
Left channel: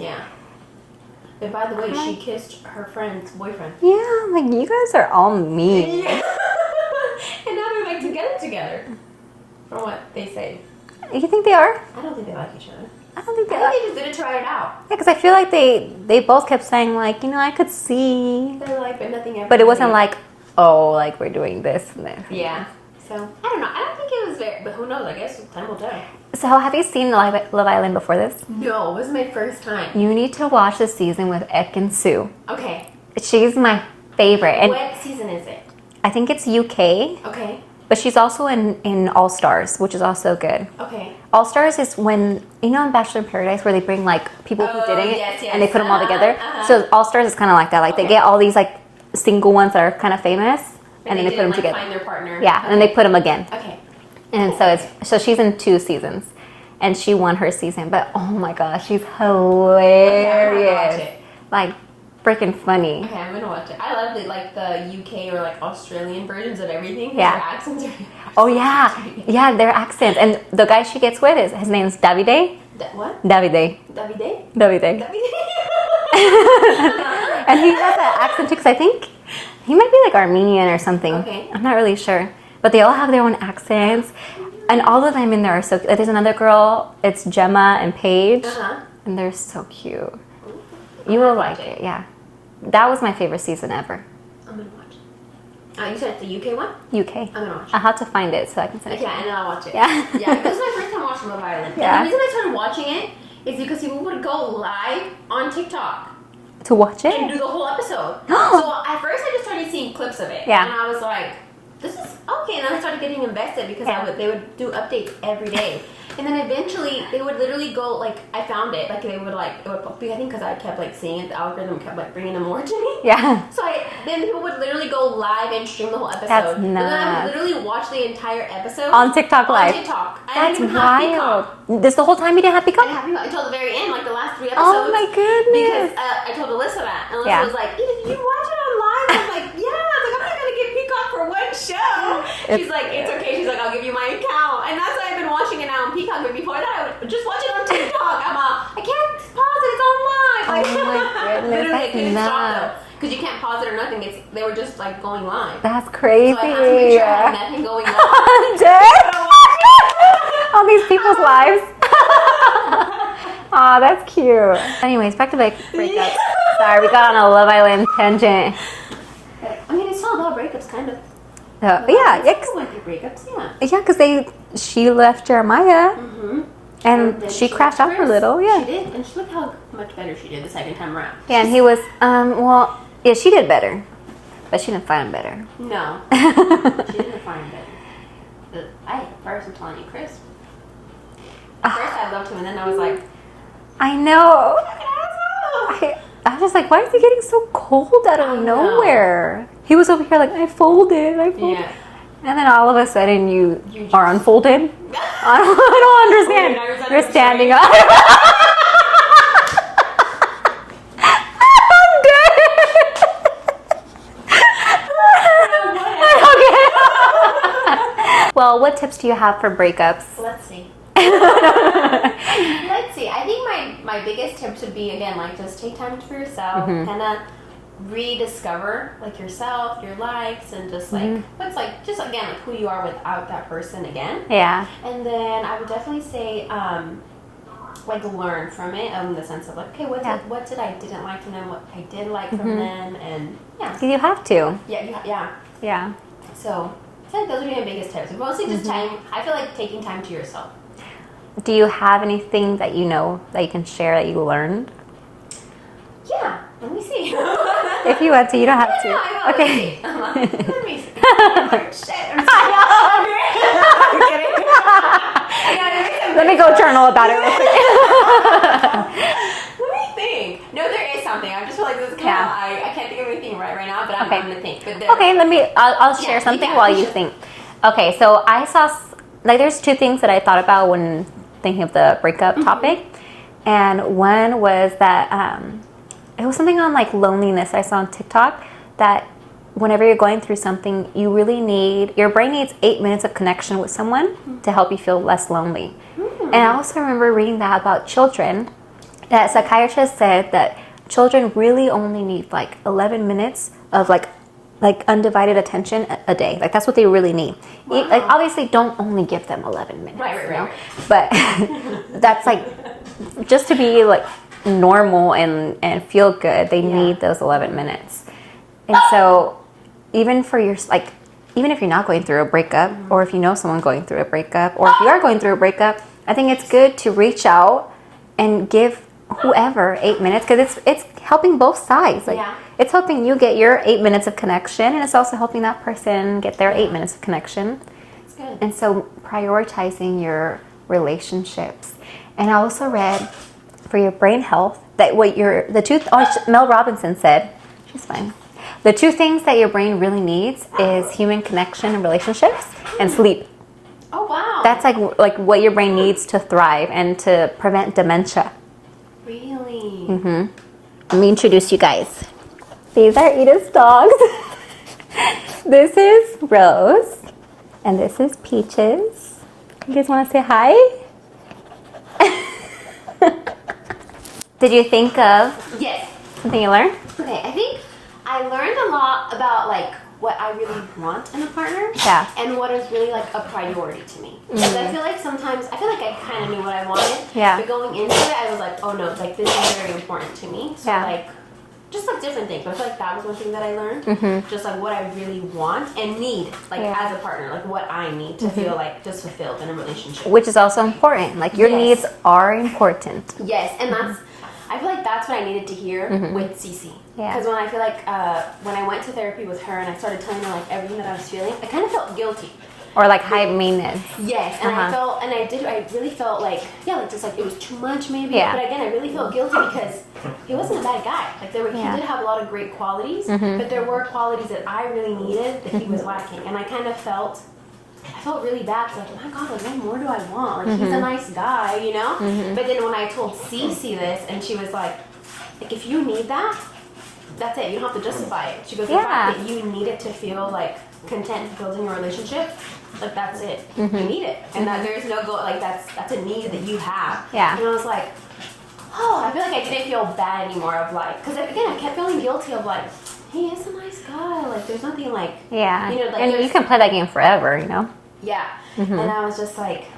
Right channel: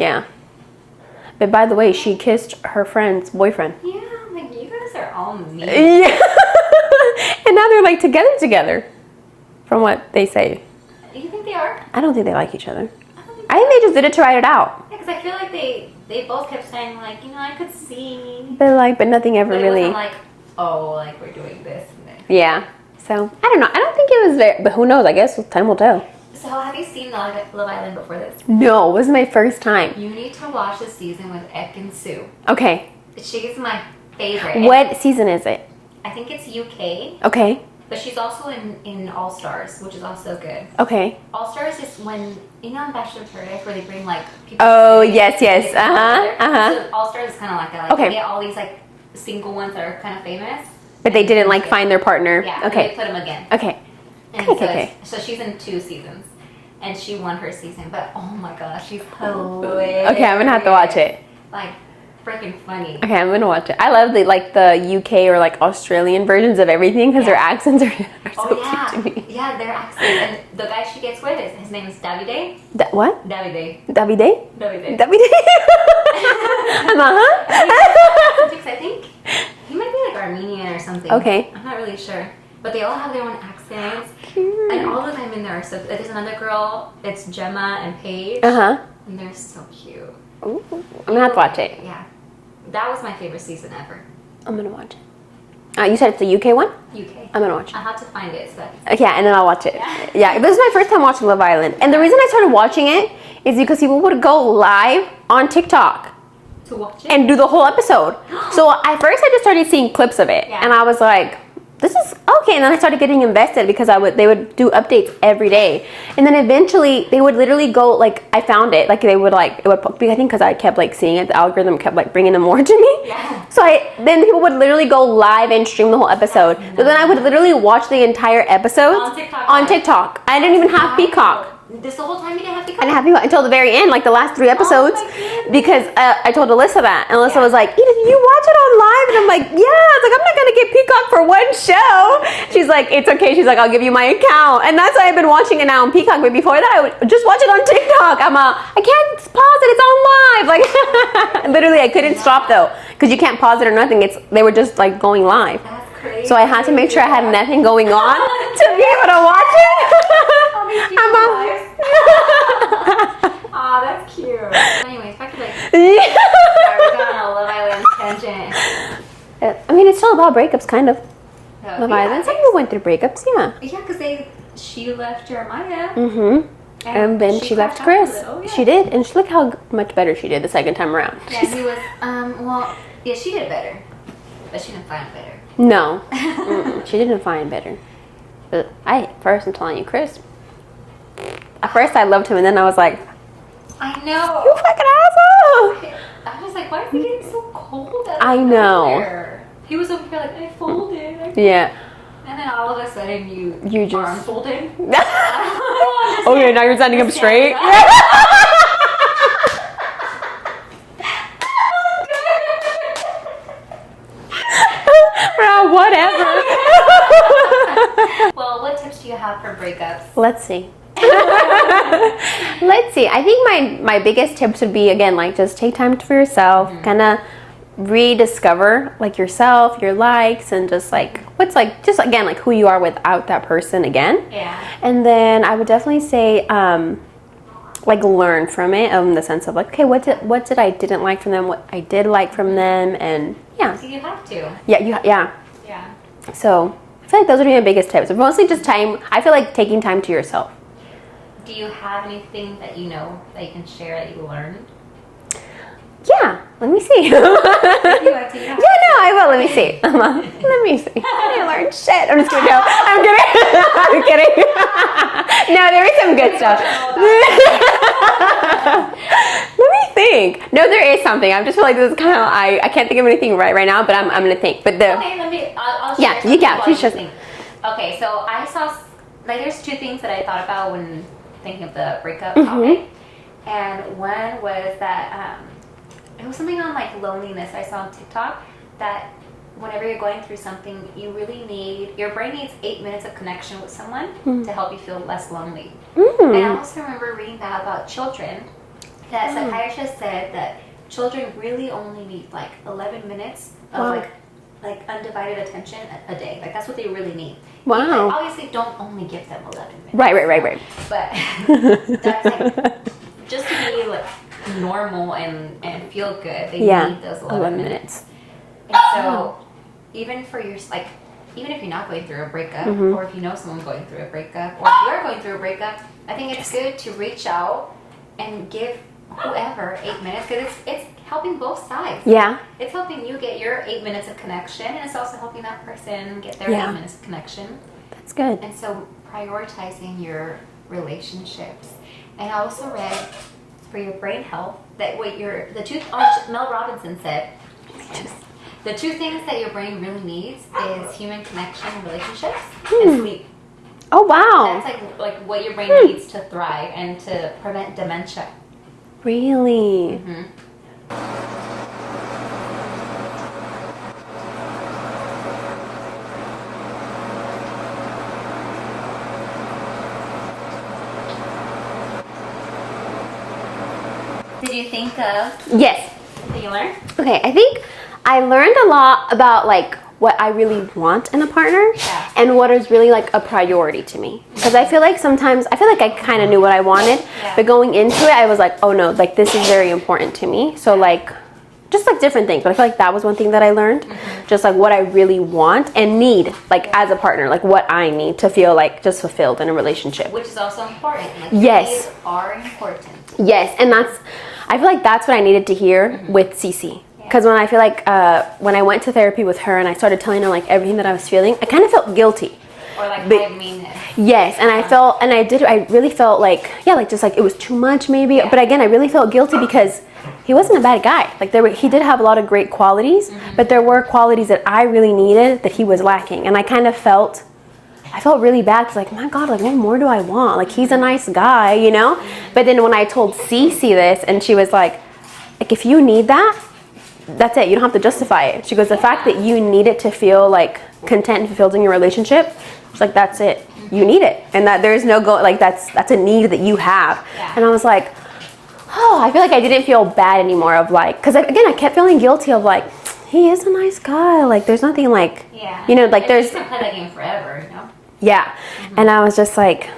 But by the way, she kissed her friend's boyfriend. Yeah, like, you guys are all mean. Yeah. And now they're like together. From what they say. You think they are? I don't think they like each other. I think they just did it to write it out. Yeah, because I feel like they both kept saying like, I could see. But nothing ever. But it wasn't like, oh, like we're doing this and this. Yeah. So I don't know. I don't think it was very. But who knows? I guess time will tell. So have you seen Love Island before this? No, it was my first time. You need to watch the season with Ek and Sue. Okay. She's my favorite. What season is it? I think it's UK. Okay. But she's also in All Stars, which is also good. Okay. All Stars is when, in Bachelor in Paradise, where they bring like people. Oh, yes. And they put them all together. So All Stars is kind of like that. Like they get all these like single ones that are kind of famous. But they didn't like find their partner. Yeah, and then they put them again. Okay. And so she's in 2 seasons. And she won her season. But oh my gosh, she's hilarious. Okay, I'm going to have to watch it. Like, freaking funny. Okay, I'm gonna watch it. I love the UK or like Australian versions of everything because their accents are so yeah, their accents. And the guy she gets with his name's Davide. What? Davide. Davide. And he has that accent too, because I think he might be like Armenian or something. Okay, I'm not really sure. But they all have their own accents, and all of them in there are so. There's another girl. It's Gemma and Paige. And they're so cute. Ooh, you have to watch it. Yeah. That was my favorite season ever. I'm gonna watch it. You said it's the UK one? UK. I'm gonna watch it. I'll have to find it so I can say Yeah, and then I'll watch it. Yeah. Yeah, this is my first time watching Love Island. And the Yeah. reason I started watching it is because people would go live on TikTok to watch it. and do the whole episode. So at first I just started seeing clips of it. Yeah. And I was like, this is okay. And then I started getting invested because they would do updates every day. And then eventually they would literally go, like, I found it. Like, it would I think because I kept, like, seeing it, the algorithm kept, like, bringing them more to me. Yeah. So then people would literally go live and stream the whole episode. But then I would literally watch the entire episode. On TikTok On live. TikTok. I didn't even have Peacock. This the whole time you didn't have Peacock? I didn't have Peacock until the very end, like the last 3 episodes. Oh my goodness. Because I told Alyssa that. And Alyssa Yeah. was like, Edith, you watch it on live? And I'm like, yeah. I was like, I'm not going to get Peacock for one show. She's like, it's okay. She's like, I'll give you my account. And that's why I've been watching it now on Peacock. But before that, I would just watch it on TikTok. I can't pause it. It's on live. Like, literally, I couldn't stop though. Because you can't pause it or nothing. They were just like going live. That's crazy. So I had to make sure I had nothing going on to be able to watch it. All these people's lives. Aw, that's cute. Anyways, back to sorry, we got on a Love Island tangent. I mean, it's still about breakups, kind of. Yeah, we went through breakups, yeah. Yeah, because she left Jeremiah. Mm-hmm. And then she crashed out a little. Yeah, she did, and look how much better she did the second time around. Yeah, and he was yeah, she did better, but she didn't find him better. No, she didn't find better. But I'm telling you, Chris. At first, I loved him, and then I was like, I know. you fucking asshole. I was just like, why is he getting so cold out of I nowhere? He was over here like, I folded. Yeah. And then all of a sudden, you just are unfolded. I don't understand. Oh, yeah, now you're standing up straight. Whatever. Well, what tips do you have for breakups? Let's see. Let's see. I think my biggest tips would be, again, like, just take time for yourself, kind of rediscover like yourself, your likes, and just like what's like, just again, like who you are without that person again. Yeah. And then I would definitely say like learn from it, in the sense of like, okay, what did I didn't like from them, what I did like from them, and yeah. You have to. Yeah. So I feel like those would be my biggest tips. Mostly just time. I feel like taking time to yourself. Do you have anything that you know that you can share that you learned? Yeah. Let me see. If you want to, you don't have to. Yeah, no, I will. Okay. Let me see. I didn't learn shit. I'm just kidding. I'm kidding. I'm kidding. No, there is some good Let me go stuff. journal about it. Let me think. No, there is something. I just feel like this is kind of, I can't think of anything right now, but I'm going to think. But I'll share something while you sure. think. Okay, so I saw, like, there's 2 things that I thought about when thinking of the breakup topic. And one was that, it was something on like loneliness I saw on TikTok, that whenever you're going through something, your brain needs 8 minutes of connection with someone to help you feel less lonely. And I also remember reading that about children, that psychiatrists said that children really only need like 11 minutes of like undivided attention a day. Like that's what they really need. Wow. Like, obviously don't only give them 11 minutes. Right. But that's like, just to be like normal and feel good, they need those 11 minutes. And so even for even if you're not going through a breakup, or if you know someone going through a breakup, or if you are going through a breakup, I think it's good to reach out and give whoever 8 minutes, because it's helping both sides. Like, it's helping you get your 8 minutes of connection, and it's also helping that person get their 8 minutes of connection. That's good. And so prioritizing your relationships. And I also read for your brain health that Mel Robinson said, she's fine, the 2 things that your brain really needs is human connection and relationships and sleep. Oh wow. That's like what your brain needs to thrive and to prevent dementia. Really? Let me introduce you guys. These are Edith's dogs. This is Rose, and this is Peaches. You guys want to say hi? Did you think of Yes. something you learned? Okay, I think I learned a lot about like what I really want in a partner, Yeah. and what is really like a priority to me. Because I feel like sometimes I kind of knew what I wanted, Yeah. but going into it, I was like, oh no, like this is very important to me. So like, just like different things. But I feel like that was one thing that I learned, just like what I really want and need, like as a partner, like what I need to feel like just fulfilled in a relationship. Which is also important. Like your Yes. needs are important. Yes, and I feel like that's what I needed to hear with Cece. Because when I feel like when I went to therapy with her and I started telling her like everything that I was feeling, I kind of felt guilty. Or like high maintenance. Yes, and I really felt like, like just like it was too much maybe. Yeah. But again, I really felt guilty because he wasn't a bad guy. Like he did have a lot of great qualities, but there were qualities that I really needed that he was lacking. And I kind of felt really bad because like, my God, like what more do I want? Like he's a nice guy, you know? But then when I told Cece this and she was like if you need that, that's it. You don't have to justify it. She goes, the fact that you need it to feel like content and fulfilled in your relationship, it's like that's it. You need it, and that there's no like that's a need that you have. Yeah. And I was like, oh, I feel like I didn't feel bad anymore of like, because again I kept feeling guilty of like he is a nice guy. Like there's nothing like you know like and there's you can play that game forever, you know. Yeah. And I was just like,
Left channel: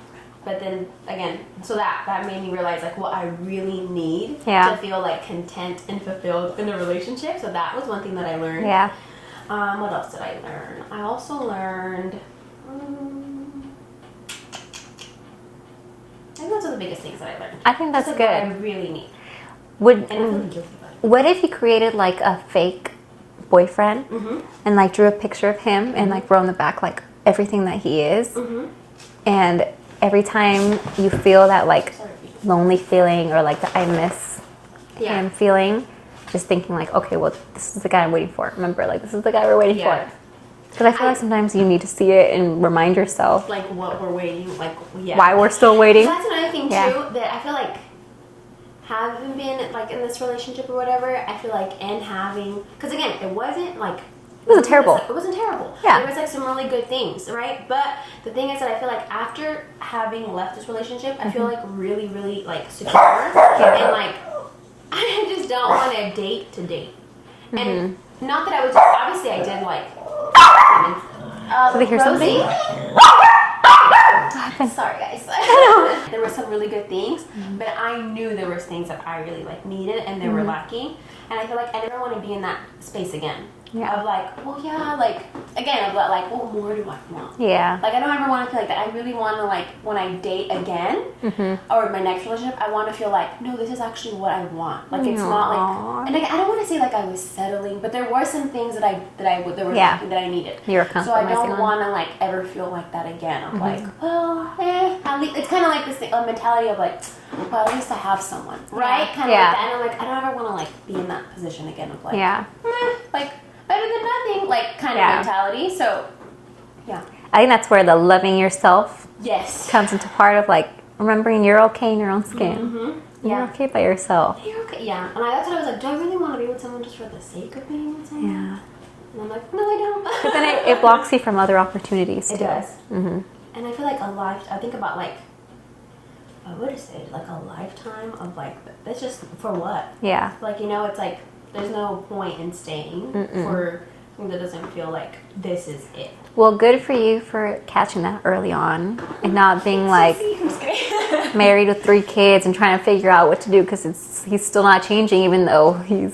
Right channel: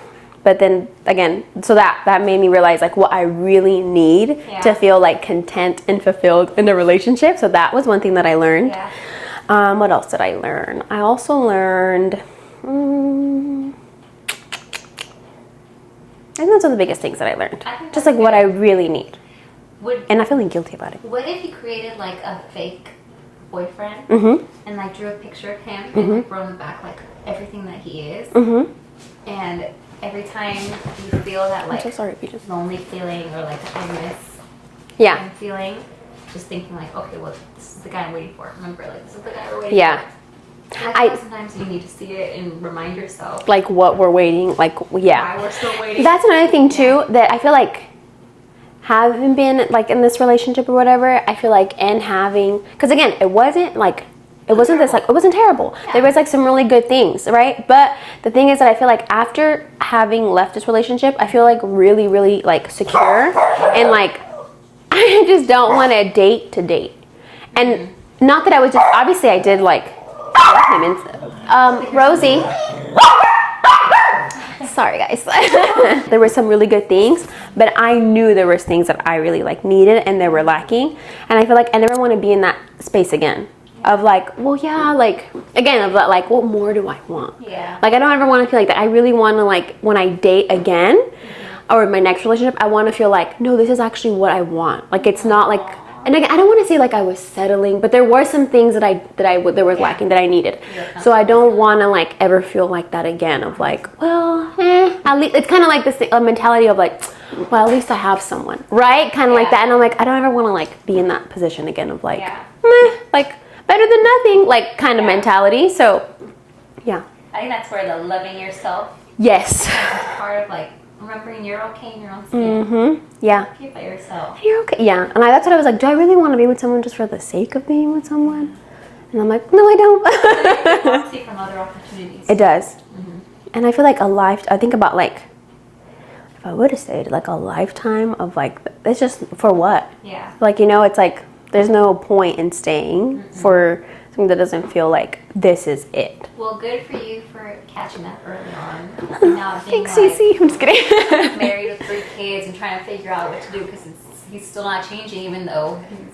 but then again, so that made me realize like what I really need to feel like content and fulfilled in a relationship. So that was one thing that I learned. Yeah. What else did I learn? I also learned, I think those are the biggest things that I learned. I think just that's like what I good. really need. And not feeling guilty about it. What if you created like a fake boyfriend and like drew a picture of him and like wrote on the back like everything that he is, and every time you feel that like lonely feeling or like the I miss him feeling, just thinking like, okay, well this is the guy I'm waiting for. Remember, like this is the guy we're waiting for. But I feel like sometimes you need to see it and remind yourself like what we're waiting, like why we're still waiting. That's another thing too that I feel like having been like in this relationship or whatever, I feel like and having, because again it wasn't like it wasn't terrible. This, like, it wasn't terrible. There was like some really good things, right? But the thing is that I feel like after having left this relationship, I feel like really, really like secure and like I just don't want to date. And not that I was just, obviously I did like Rosie. Sorry guys. There were some really good things, but I knew there was things that I really like needed and they were lacking. And I feel like I never want to be in that space again. Of like, well, like again, of like, what more do I want? Yeah. Like I don't ever want to feel like that. I really want to like when I date again or my next relationship, I want to feel like, no, this is actually what I want. Like it's not like, and I don't want to say like I was settling, but there were some things that there was lacking that I needed. So I don't want to like ever feel like that again. Of like, well, at least it's kind of like this mentality of like, well, at least I have someone, right? Kind of like that. And I'm like, I don't ever want to like be in that position again of like, like better than nothing, like kind of mentality. So, yeah. I think that's where the loving yourself comes into part of like remembering you're okay in your own skin. Yeah. You're okay by yourself. You're okay. Yeah. And that's what I was like, do I really want to be with someone just for the sake of being with someone? Yeah. And I'm like, no, I don't. It blocks you from other opportunities. It does. And I feel like I think about like, if I would have stayed like a lifetime of like, it's just for what? Yeah. Like, you know, it's like, there's no point in staying for something that doesn't feel like this is it. Well, good for you for catching that early on and not being Thanks, Cece. I'm just kidding. married with 3 kids and trying to figure out what to do because he's still not changing even though he's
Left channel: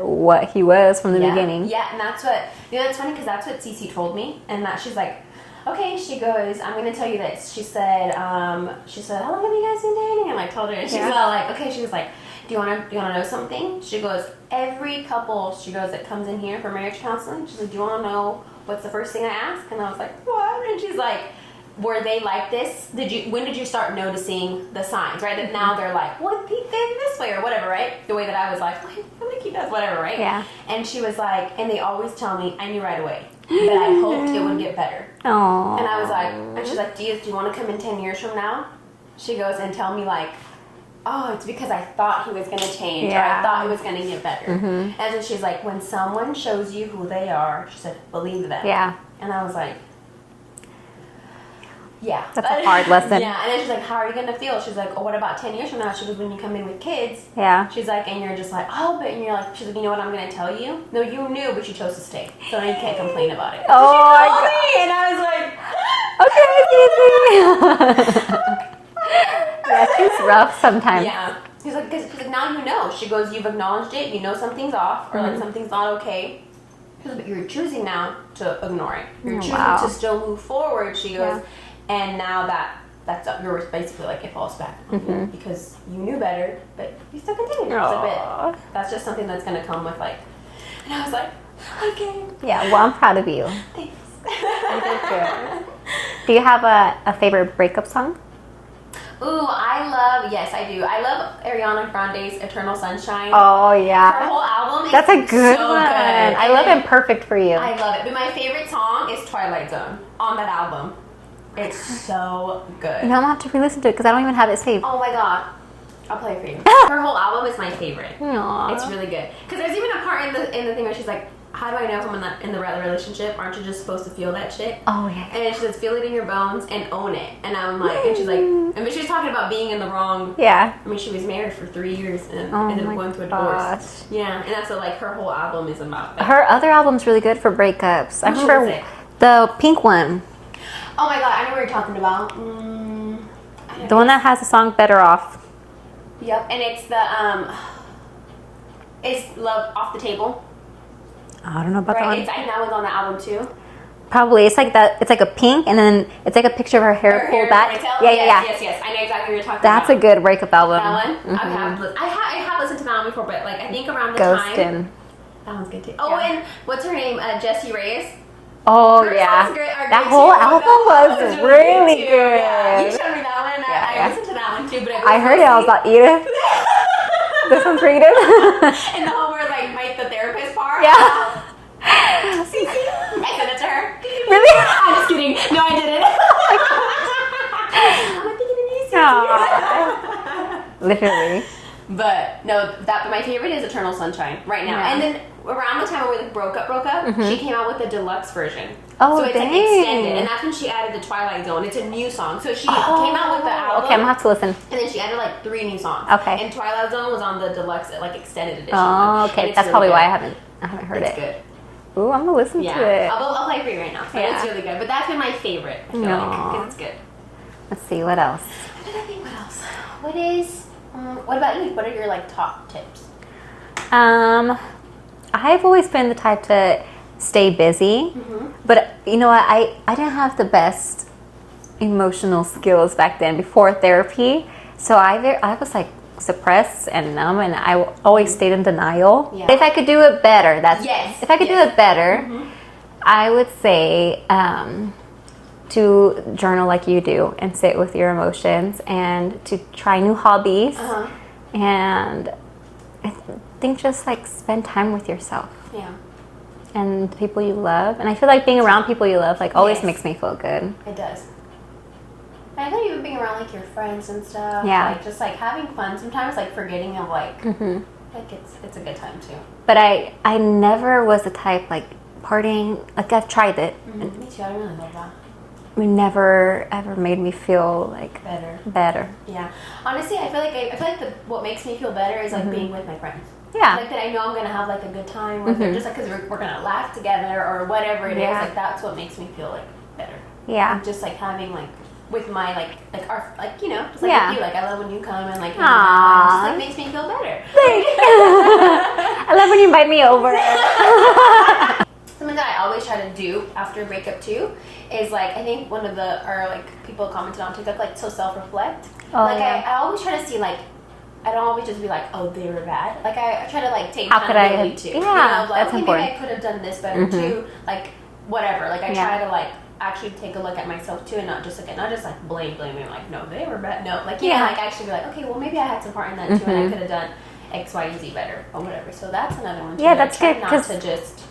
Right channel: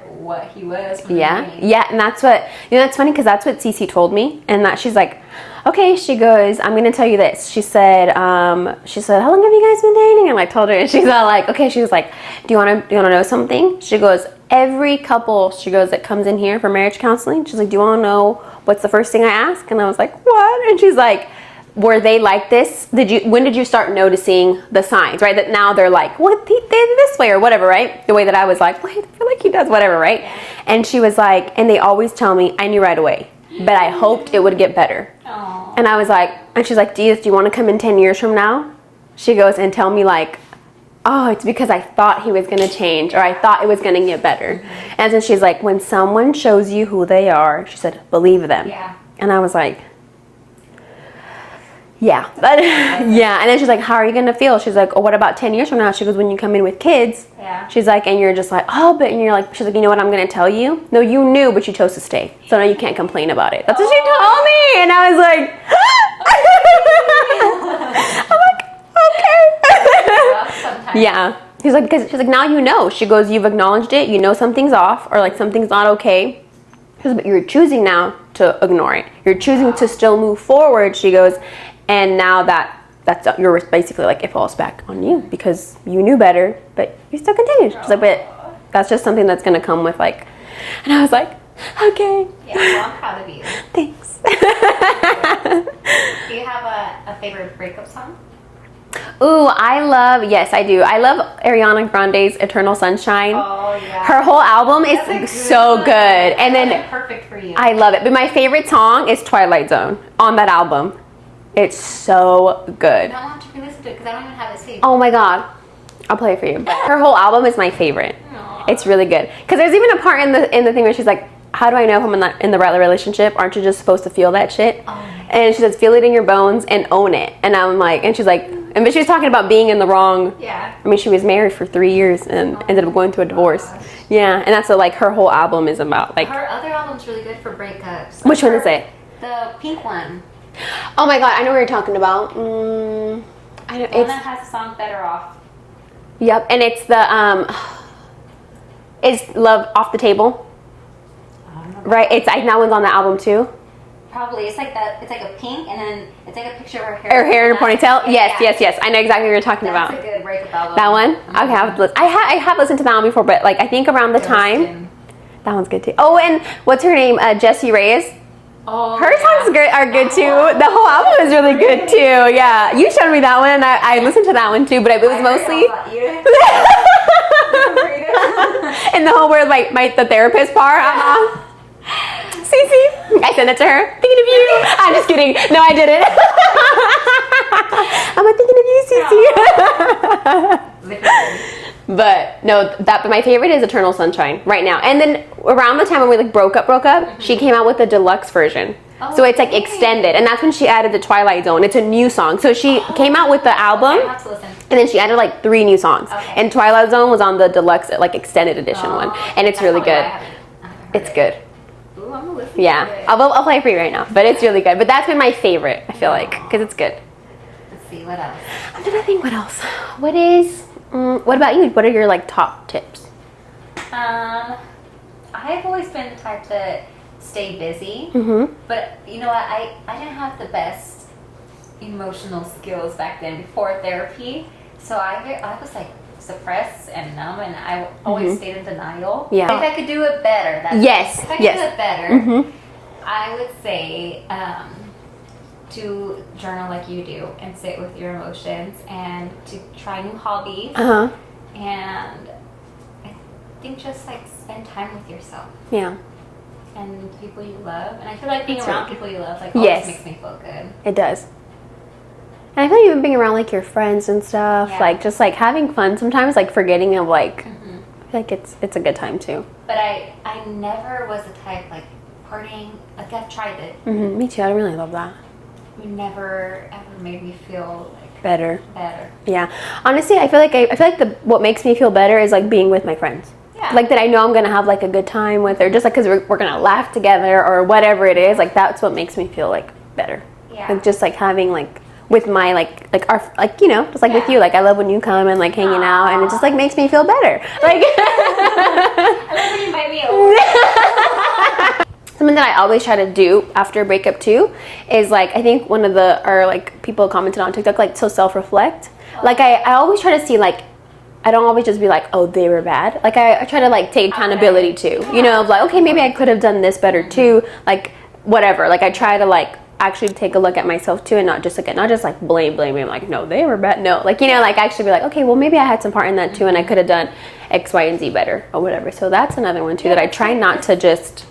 what he was from the beginning. Yeah, and that's what, you know, that's funny because that's what Cece told me, and that she's like, okay, she goes, I'm going to tell you this. She said, how long have you guys been dating? And I told her, and she's all like, okay. She was like, do you want to know something? She goes, every couple, she goes, that comes in here for marriage counseling, she's like, do you want to know what's the first thing I ask? And I was like, what? And she's like, were they like this? When did you start noticing the signs, right? That now they're like, what, they did this way or whatever, right? The way that I was like, well, I feel like he does whatever, right? Yeah. And she was like, and they always tell me, I knew right away, but I hoped it would get better. Aww. And I was like, and she's like, Edith, do you want to come in 10 years from now? She goes and tell me like, oh, it's because I thought he was going to change or I thought it was going to get better. And so she's like, when someone shows you who they are, she said, believe them. Yeah. And I was like, Yeah. That's a hard lesson. Yeah. And then she's like, how are you going to feel? She's like, oh, what about 10 years from now? She goes, when you come in with kids. Yeah. She's like, and you're just like, oh, but, and you're like, she's like, you know what I'm going to tell you? No, you knew, but you chose to stay. So now you can't complain about it. That's what she told me. And I was like, okay. I'm like, okay. It's rough sometimes. Yeah. She's like, because she's like, now you know. She goes, you've acknowledged it. You know something's off or like something's not okay. She goes, but you're choosing now to ignore it. You're choosing to still move forward. She goes, and now that's you're basically like it falls back on you because you knew better, but you still continued. She's like, but that's just something that's gonna come with like. And I was like, okay. Yeah. Well, I'm proud of you. Thanks. Do you have a favorite breakup song? Ooh, yes, I do. I love Ariana Grande's Eternal Sunshine. Oh, yeah. Her whole album is so good. And then Perfect for You. I love it. But my favorite song is Twilight Zone on that album. It's so good. No, I'm gonna have to re-listen to it because I don't even have it saved. Oh my God. I'll play it for you. Her whole album is my favorite. Aww. It's really good. Because there's even a part in the thing where she's like, how do I know if I'm in the right relationship? Aren't you just supposed to feel that shit? Oh, yeah. And she says, feel it in your bones and own it. And I'm like, and she's like, but she was talking about being in the wrong. Yeah. I mean, she was married for 3 years and ended up going through a divorce. Gosh. Yeah, and that's what like her whole album is about. Like Her other album's really good for breakups. Which one is it? The pink one. Oh my God, I know what you're talking about. I know, The one that has the song Better Off. Yep, and it's the is Love Off the Table. I don't know about Right, that one. it's that one's on the album too. Probably. It's like that. It's like a pink, and then it's like a picture of her hair. Her hair in a pulled back. ponytail. Yeah, Yes. I know exactly what you're talking That's about. a good breakup album. That one. Okay, I have listened to that one before, but like I think around the time Ghostin'. that one's good too. Oh, and what's her name? Jessie Reyes. Oh, Her yeah. songs are good too. whole The whole album is really good too. good. Yeah, you showed me that one, and I listened to that one too. But it was I heard it. I was like, Edith. This one's for Edith. and the whole word like the therapist part. Yeah. Cece. I sent it to her. Thinking of you. I'm just kidding. No, I didn't. I'm like thinking of you, Cece. Literally. But no, but my favorite is Eternal Sunshine right now. And then around the time when we like broke up, she came out with the deluxe version. Oh, so it's like dang. extended, and that's when she added the Twilight Zone. It's a new song. So she came out with the album, Okay, I'm gonna have to listen. and then she added like 3 new songs. Okay. And Twilight Zone was on the deluxe like extended edition one, Okay. and it's That's really probably good. why I haven't heard It's it. good. Ooh, I'm gonna listen to Yeah, it. I'll play it for you right now. But it's really good. But that's been my favorite. I feel like Aw. because it's good. Let's see what else. I'm trying to think what else. What about you? What are your like top tips? I've always been the type to stay busy, but you know what? I didn't have the best emotional skills back then before therapy, so I was like suppressed and numb, and I always stayed in denial. Yeah. If I could do it better, if I could do it better, I would say to journal like you do and sit with your emotions and to try new hobbies and I think just like spend time with yourself Yeah, and the people you love. And I feel like being around people you love like always makes me feel good. it does. And I feel like even being around like your friends and stuff, Yeah. like just like having fun sometimes, like forgetting of like, I feel like it's a good time too. But I never was the type like partying. Like I've tried it. Me too. I really love that. It never ever made me feel like Better. Yeah. Honestly, I feel like what makes me feel better is like being with my friends. Yeah. Like that I know I'm gonna have like a good time with, or just like because we're gonna laugh together or whatever it is. Like that's what makes me feel like better. Yeah. Like just like having like with my like our like you know just like with Yeah. you, like I love when you come and like hanging out, and it just like makes me feel better. Like I love when you invite me over. something that I always try to do after a breakup too is like I think one of like people commented on TikTok like to self-reflect. Like yeah. I always try to see like I don't always just be like, oh, they were bad. Like I try to like take How could accountability I- too. Yeah, You know, of like that's okay, maybe I important. could have done this better too. Like whatever. Like I try to like actually take a look at myself too, and not just like blame like no, they were bad. No, like you know, like actually be like okay, well maybe I had some part in that too, and I could have done X, Y, and Z better or whatever. So that's another one too that I that's try good, not 'cause- to just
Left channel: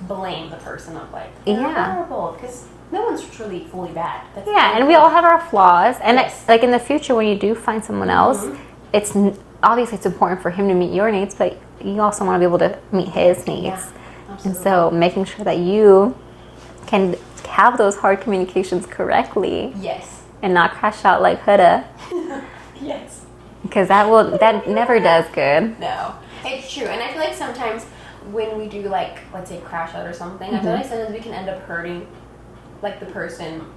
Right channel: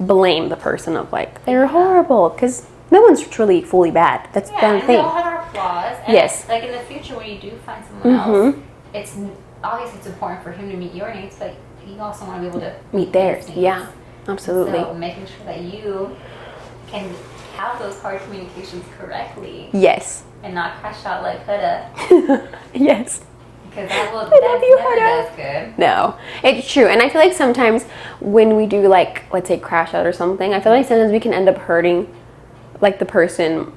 blame the person of like they're Yeah. horrible, because no one's truly fully bad. That's Yeah, done and we clean. all have our flaws. And Yes. it's like in the future when you do find someone else, it's obviously it's important for him to meet your needs, but you also want to be able to meet his needs. Yeah, absolutely. So making sure that you can have those hard communications correctly. Yes. And not crash out like Huda. Yes. Because that never does good. No, it's true. And I feel like sometimes when we do like, let's say crash out or something, I feel like sometimes we can end up hurting like the person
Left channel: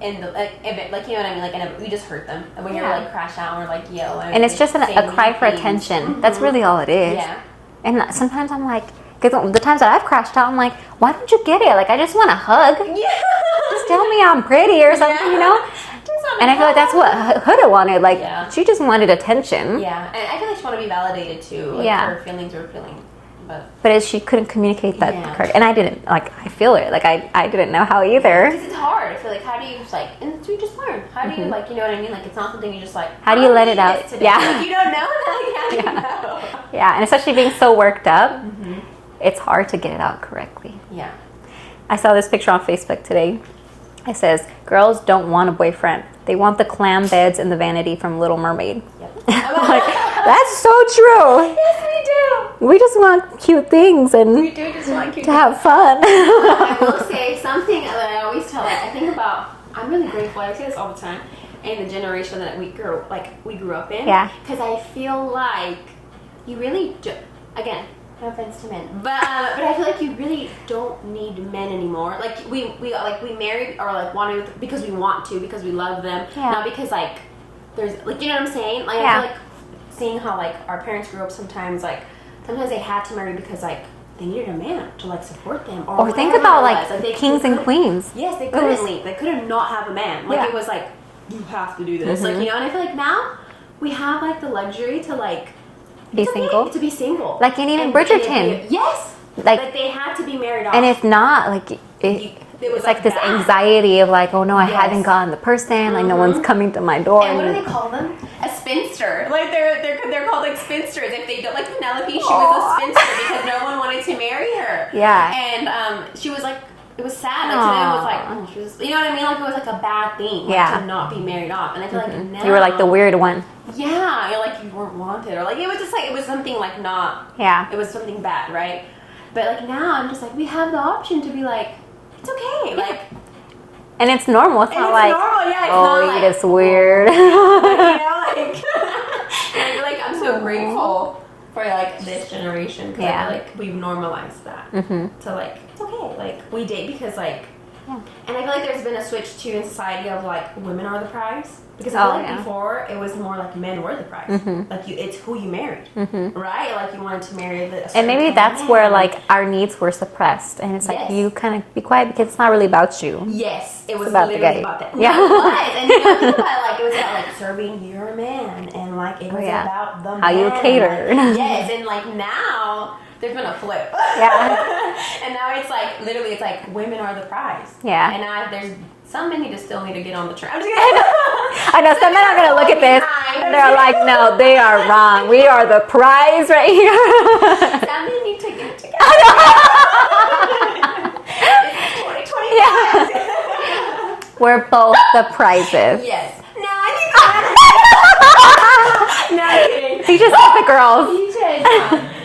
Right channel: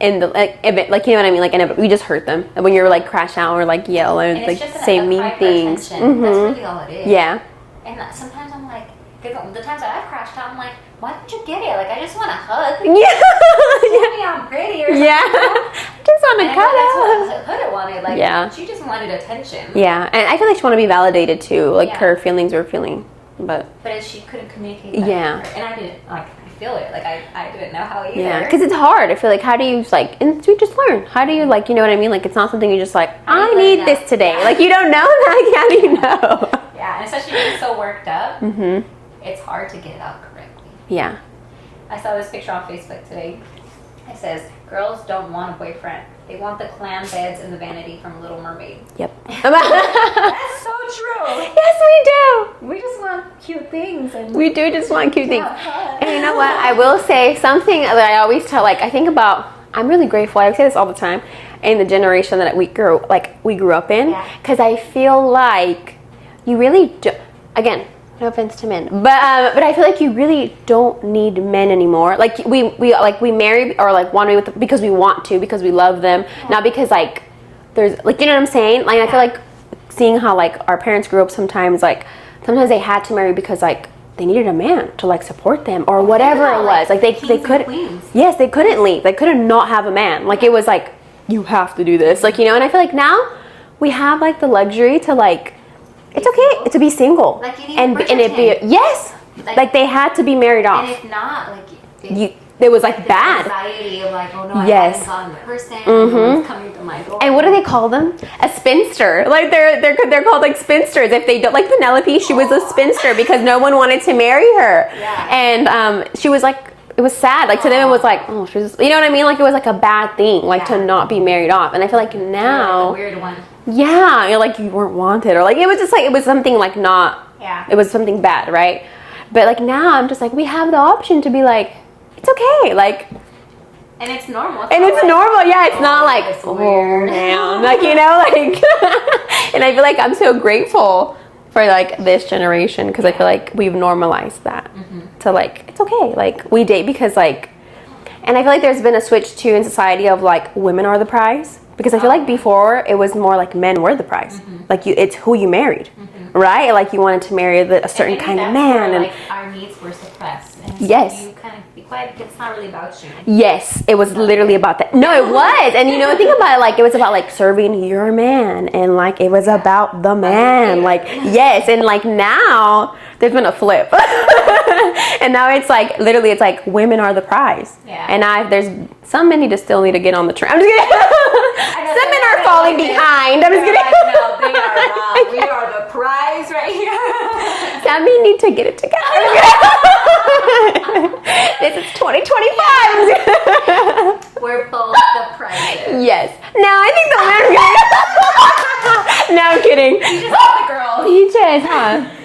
in the like event, like, you know what I mean, like we just hurt them. And when you're like crash out or like yell and it's like, just say a cry for attention. That's really all it is. Yeah. And sometimes I'm like, because the times that I've crashed out, I'm like, why don't you get it? Like, I just want a hug. Yeah. Just tell me I'm pretty or something, you know? Just want to. And I feel like that's what Huda wanted. Like, she just wanted attention. Yeah, and I feel like she wanted to be validated too. Like her feelings were feeling, but she couldn't communicate that. Yeah. And I didn't, like, I feel it. Like, I didn't know how either. Because it's hard. I feel like, how do you, like, and we just learn. How do you, like, you know what I mean? Like, it's not something you just, like, how do you let it out? This today? Yeah. Like, you don't know. Like, how do you know? Yeah, and especially being so worked up, it's hard to get it out correctly. Yeah. I saw this picture on Facebook today. It says, girls don't want a boyfriend. They want the clam beds and the vanity from Little Mermaid. Yep. That's so true. Yes, we do. We just want cute things. And we do just want cute things. Have fun. You know what? I will say something that I always tell, like, I think about, I'm really grateful. I say this all the time. In the generation that we grew up in. Yeah. Because I feel like you really do, again, no offense to men, but I feel like you really don't need men anymore. Like we marry or like want to be with because we want to, because we love them, not because like there's like, you know what I'm saying? Like I feel like seeing how like our parents grew up sometimes they had to marry because like they needed a man to like support them or whatever it was. Like they kings and queens. Yes, they couldn't leave. They couldn't not have a man. Like it was like you have to do this. Like, you know, and I feel like now we have like the luxury to like. It's okay to be single. Like any Bridgerton. Yes. Like they had to be married off. And if not, like there was like this bad anxiety of like, oh no, I haven't gotten the person. Like no one's coming to my door. And what do they call them? A spinster. Like they're called like spinsters. If they don't, like Penelope, she was a spinster because no one wanted to marry her. Yeah. And she was like, it was sad. Like to them it was like, oh, she was, you know what I mean? Like it was like a bad thing, like to not be married off. And I feel like now you were like the weird one. Yeah, you're like you weren't wanted, or like it was just like it was something like not. Yeah. It was something bad, right? But like now I'm just like we have the option to be like, it's okay, like. And it's normal. It's normal, yeah. It's not like it's weird, like, you know, like. And I feel like I'm so grateful for like this generation because I feel like we've normalized that to like it's okay, like we date because like, and I feel like there's been a switch too in society of like women are the prize. Because I feel like before it was more like men were the prize. Like it's who you married, right? Like you wanted to marry a certain kind of man. And maybe that's where like our needs were suppressed, and it's like you kind of be quiet because it's not really about you. Yes, it was literally about that. No, it was, and you know, think about it. Like it was about like serving your man, and like it was about the man. Like yes, and like now. There's been a flip. And now it's like, literally, it's like women are the prize. Yeah. And there's some men still need to get on the train. I'm just kidding. I know some men are going to look at this. They're like, no, they are wrong. We are the prize right here. Some men need to get it together. This is 2025. We're both the prizes. Yes. No, I think the men. No, I'm kidding. He just like the girls. Peaches.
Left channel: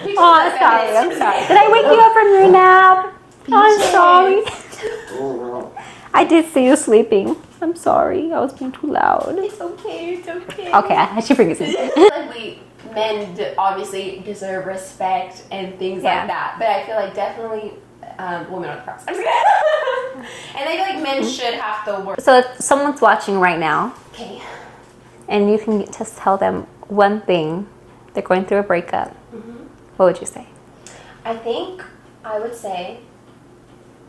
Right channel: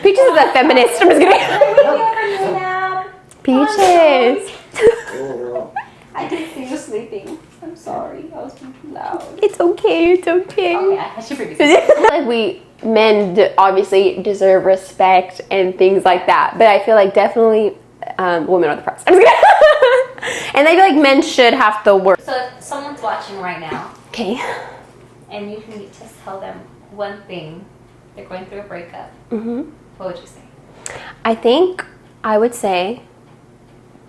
Peaches is a feminist. I'm just kidding. Did I wake you up from your nap? Peaches. I did see you sleeping. I'm sorry. I was being too loud. It's okay. It's okay. Okay, I should bring this in. Like men obviously deserve respect and things like that. But I feel like definitely women are the prize. I'm just kidding. And I feel like men should have to work. So if someone's watching right now. Okay. And you can just tell them one thing. They're going through a breakup. What would you say? I think I would say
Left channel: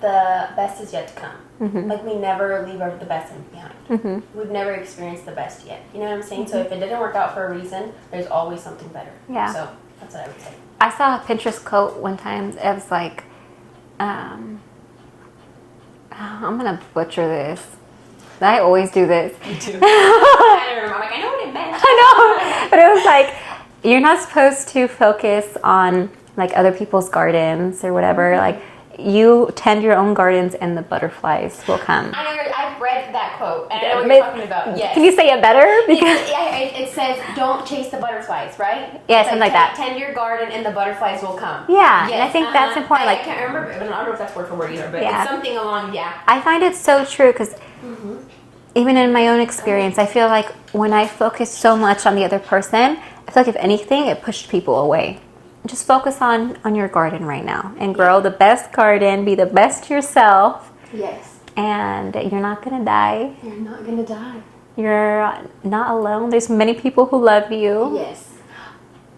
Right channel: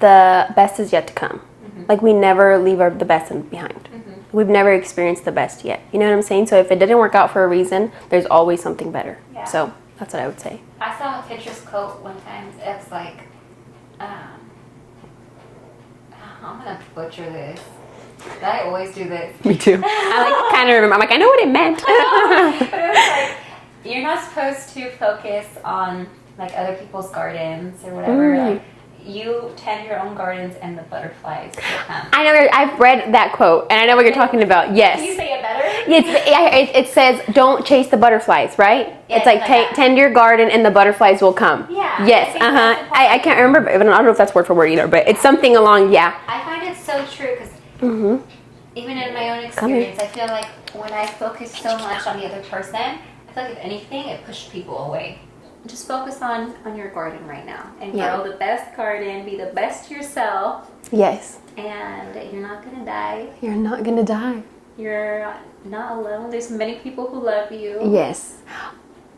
the best is yet to come. Like we never leave the best behind. We've never experienced the best yet. You know what I'm saying? So if it didn't work out for a reason, there's always something better. Yeah. So that's what I would say. I saw a Pinterest quote one time. It was like, I'm gonna butcher this. I always do this. Me too. I kind of remember. I'm like, I know what it meant. I know. But it was like, you're not supposed to focus on like other people's gardens or whatever. Like you tend your own gardens and the butterflies will come. I know, I've read that quote, and I know what you're talking about. Yes. Can you say it better? It says, don't chase the butterflies, right? Yeah, it's like, tend your garden and the butterflies will come. Yeah. Yes. I think that's important. I can't remember, but I don't know if that's word for word either, but it's something along, I find it so true because even in my own experience, I feel like when I focus so much on the other person, I feel like if anything, it pushed people away. Just focus on your garden right now and grow the best garden, be the best yourself. Yes. And you're not going to die. You're not going to die. You're not alone. There's many people who love you. Yes.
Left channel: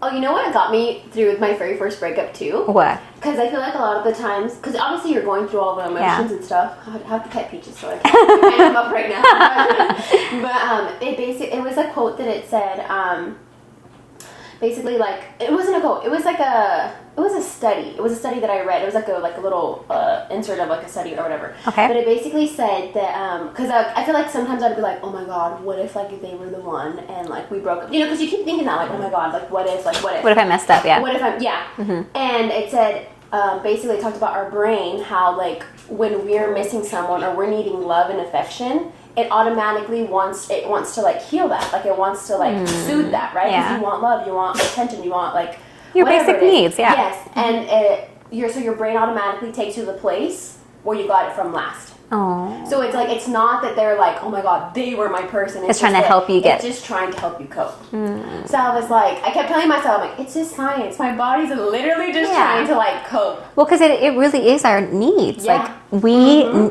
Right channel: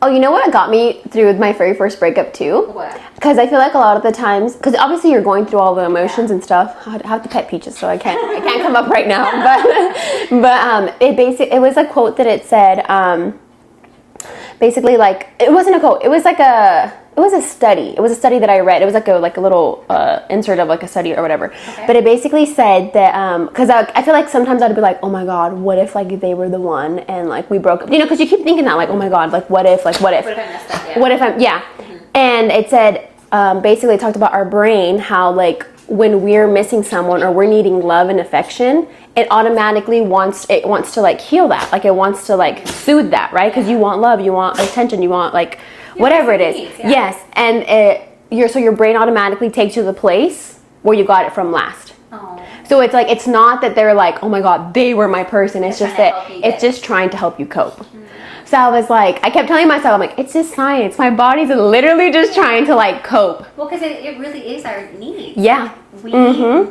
Oh, you know what got me through my very first breakup too? What? Because I feel like a lot of the times, because obviously you're going through all the emotions and stuff. I have to pet Peaches, so I can't come up right now. But it was a quote that it said, basically like, it wasn't a quote. It was a study. It was a study that I read. It was like a little insert of like a study or whatever. Okay. But it basically said that, because I feel like sometimes I'd be like, oh my God, what if like they were the one and like we broke up? You know, because you keep thinking that like, oh my God, like what if? What if I messed up? Yeah. What if And it said, basically it talked about our brain, how like when we're missing someone or we're needing love and affection, it automatically wants to like heal that. Like it wants to like soothe that, right? Because you want love, you want attention, you want like your whatever it is. needs, yeah. Yes. And your brain automatically takes you to the place where you got it from last. Oh. So it's like, it's not that they're like, oh my God, they were my person. It's trying to help you It's just trying to help you cope. So I was like, I kept telling myself, I'm like, it's just science. My body's literally just trying to like cope. Well, because it really is our needs. Yeah. Like, we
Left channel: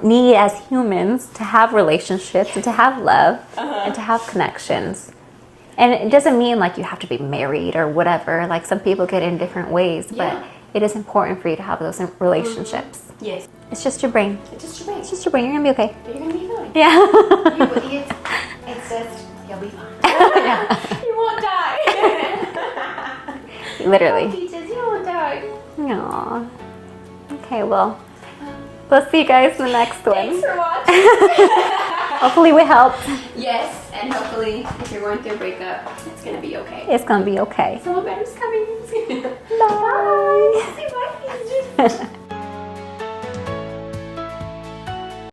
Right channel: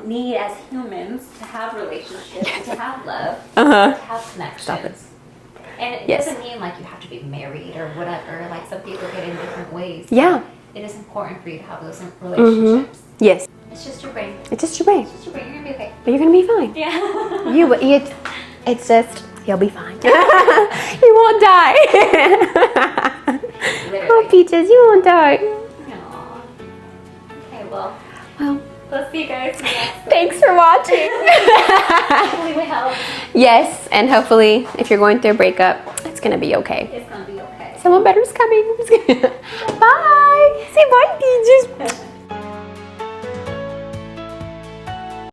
need as humans to have relationships and to have love and to have connections. And it doesn't mean like you have to be married or whatever. Like some people get in different ways. Yeah. It is important for you to have those relationships. Yes. It's just your brain. It's just your brain. It's just your brain. You're going to be okay. But you're going to be fine. Yeah. It's just, you'll be fine. You won't die. Literally. Oh, Peaches, you won't die. Aww. Okay, well, we'll see you guys in the next one. Thanks for watching. Hopefully we helped. Yes, and hopefully if you're going through a breakup, it's going to be okay. It's going to be okay. Someone better's coming. Bye. Say bye, Peaches.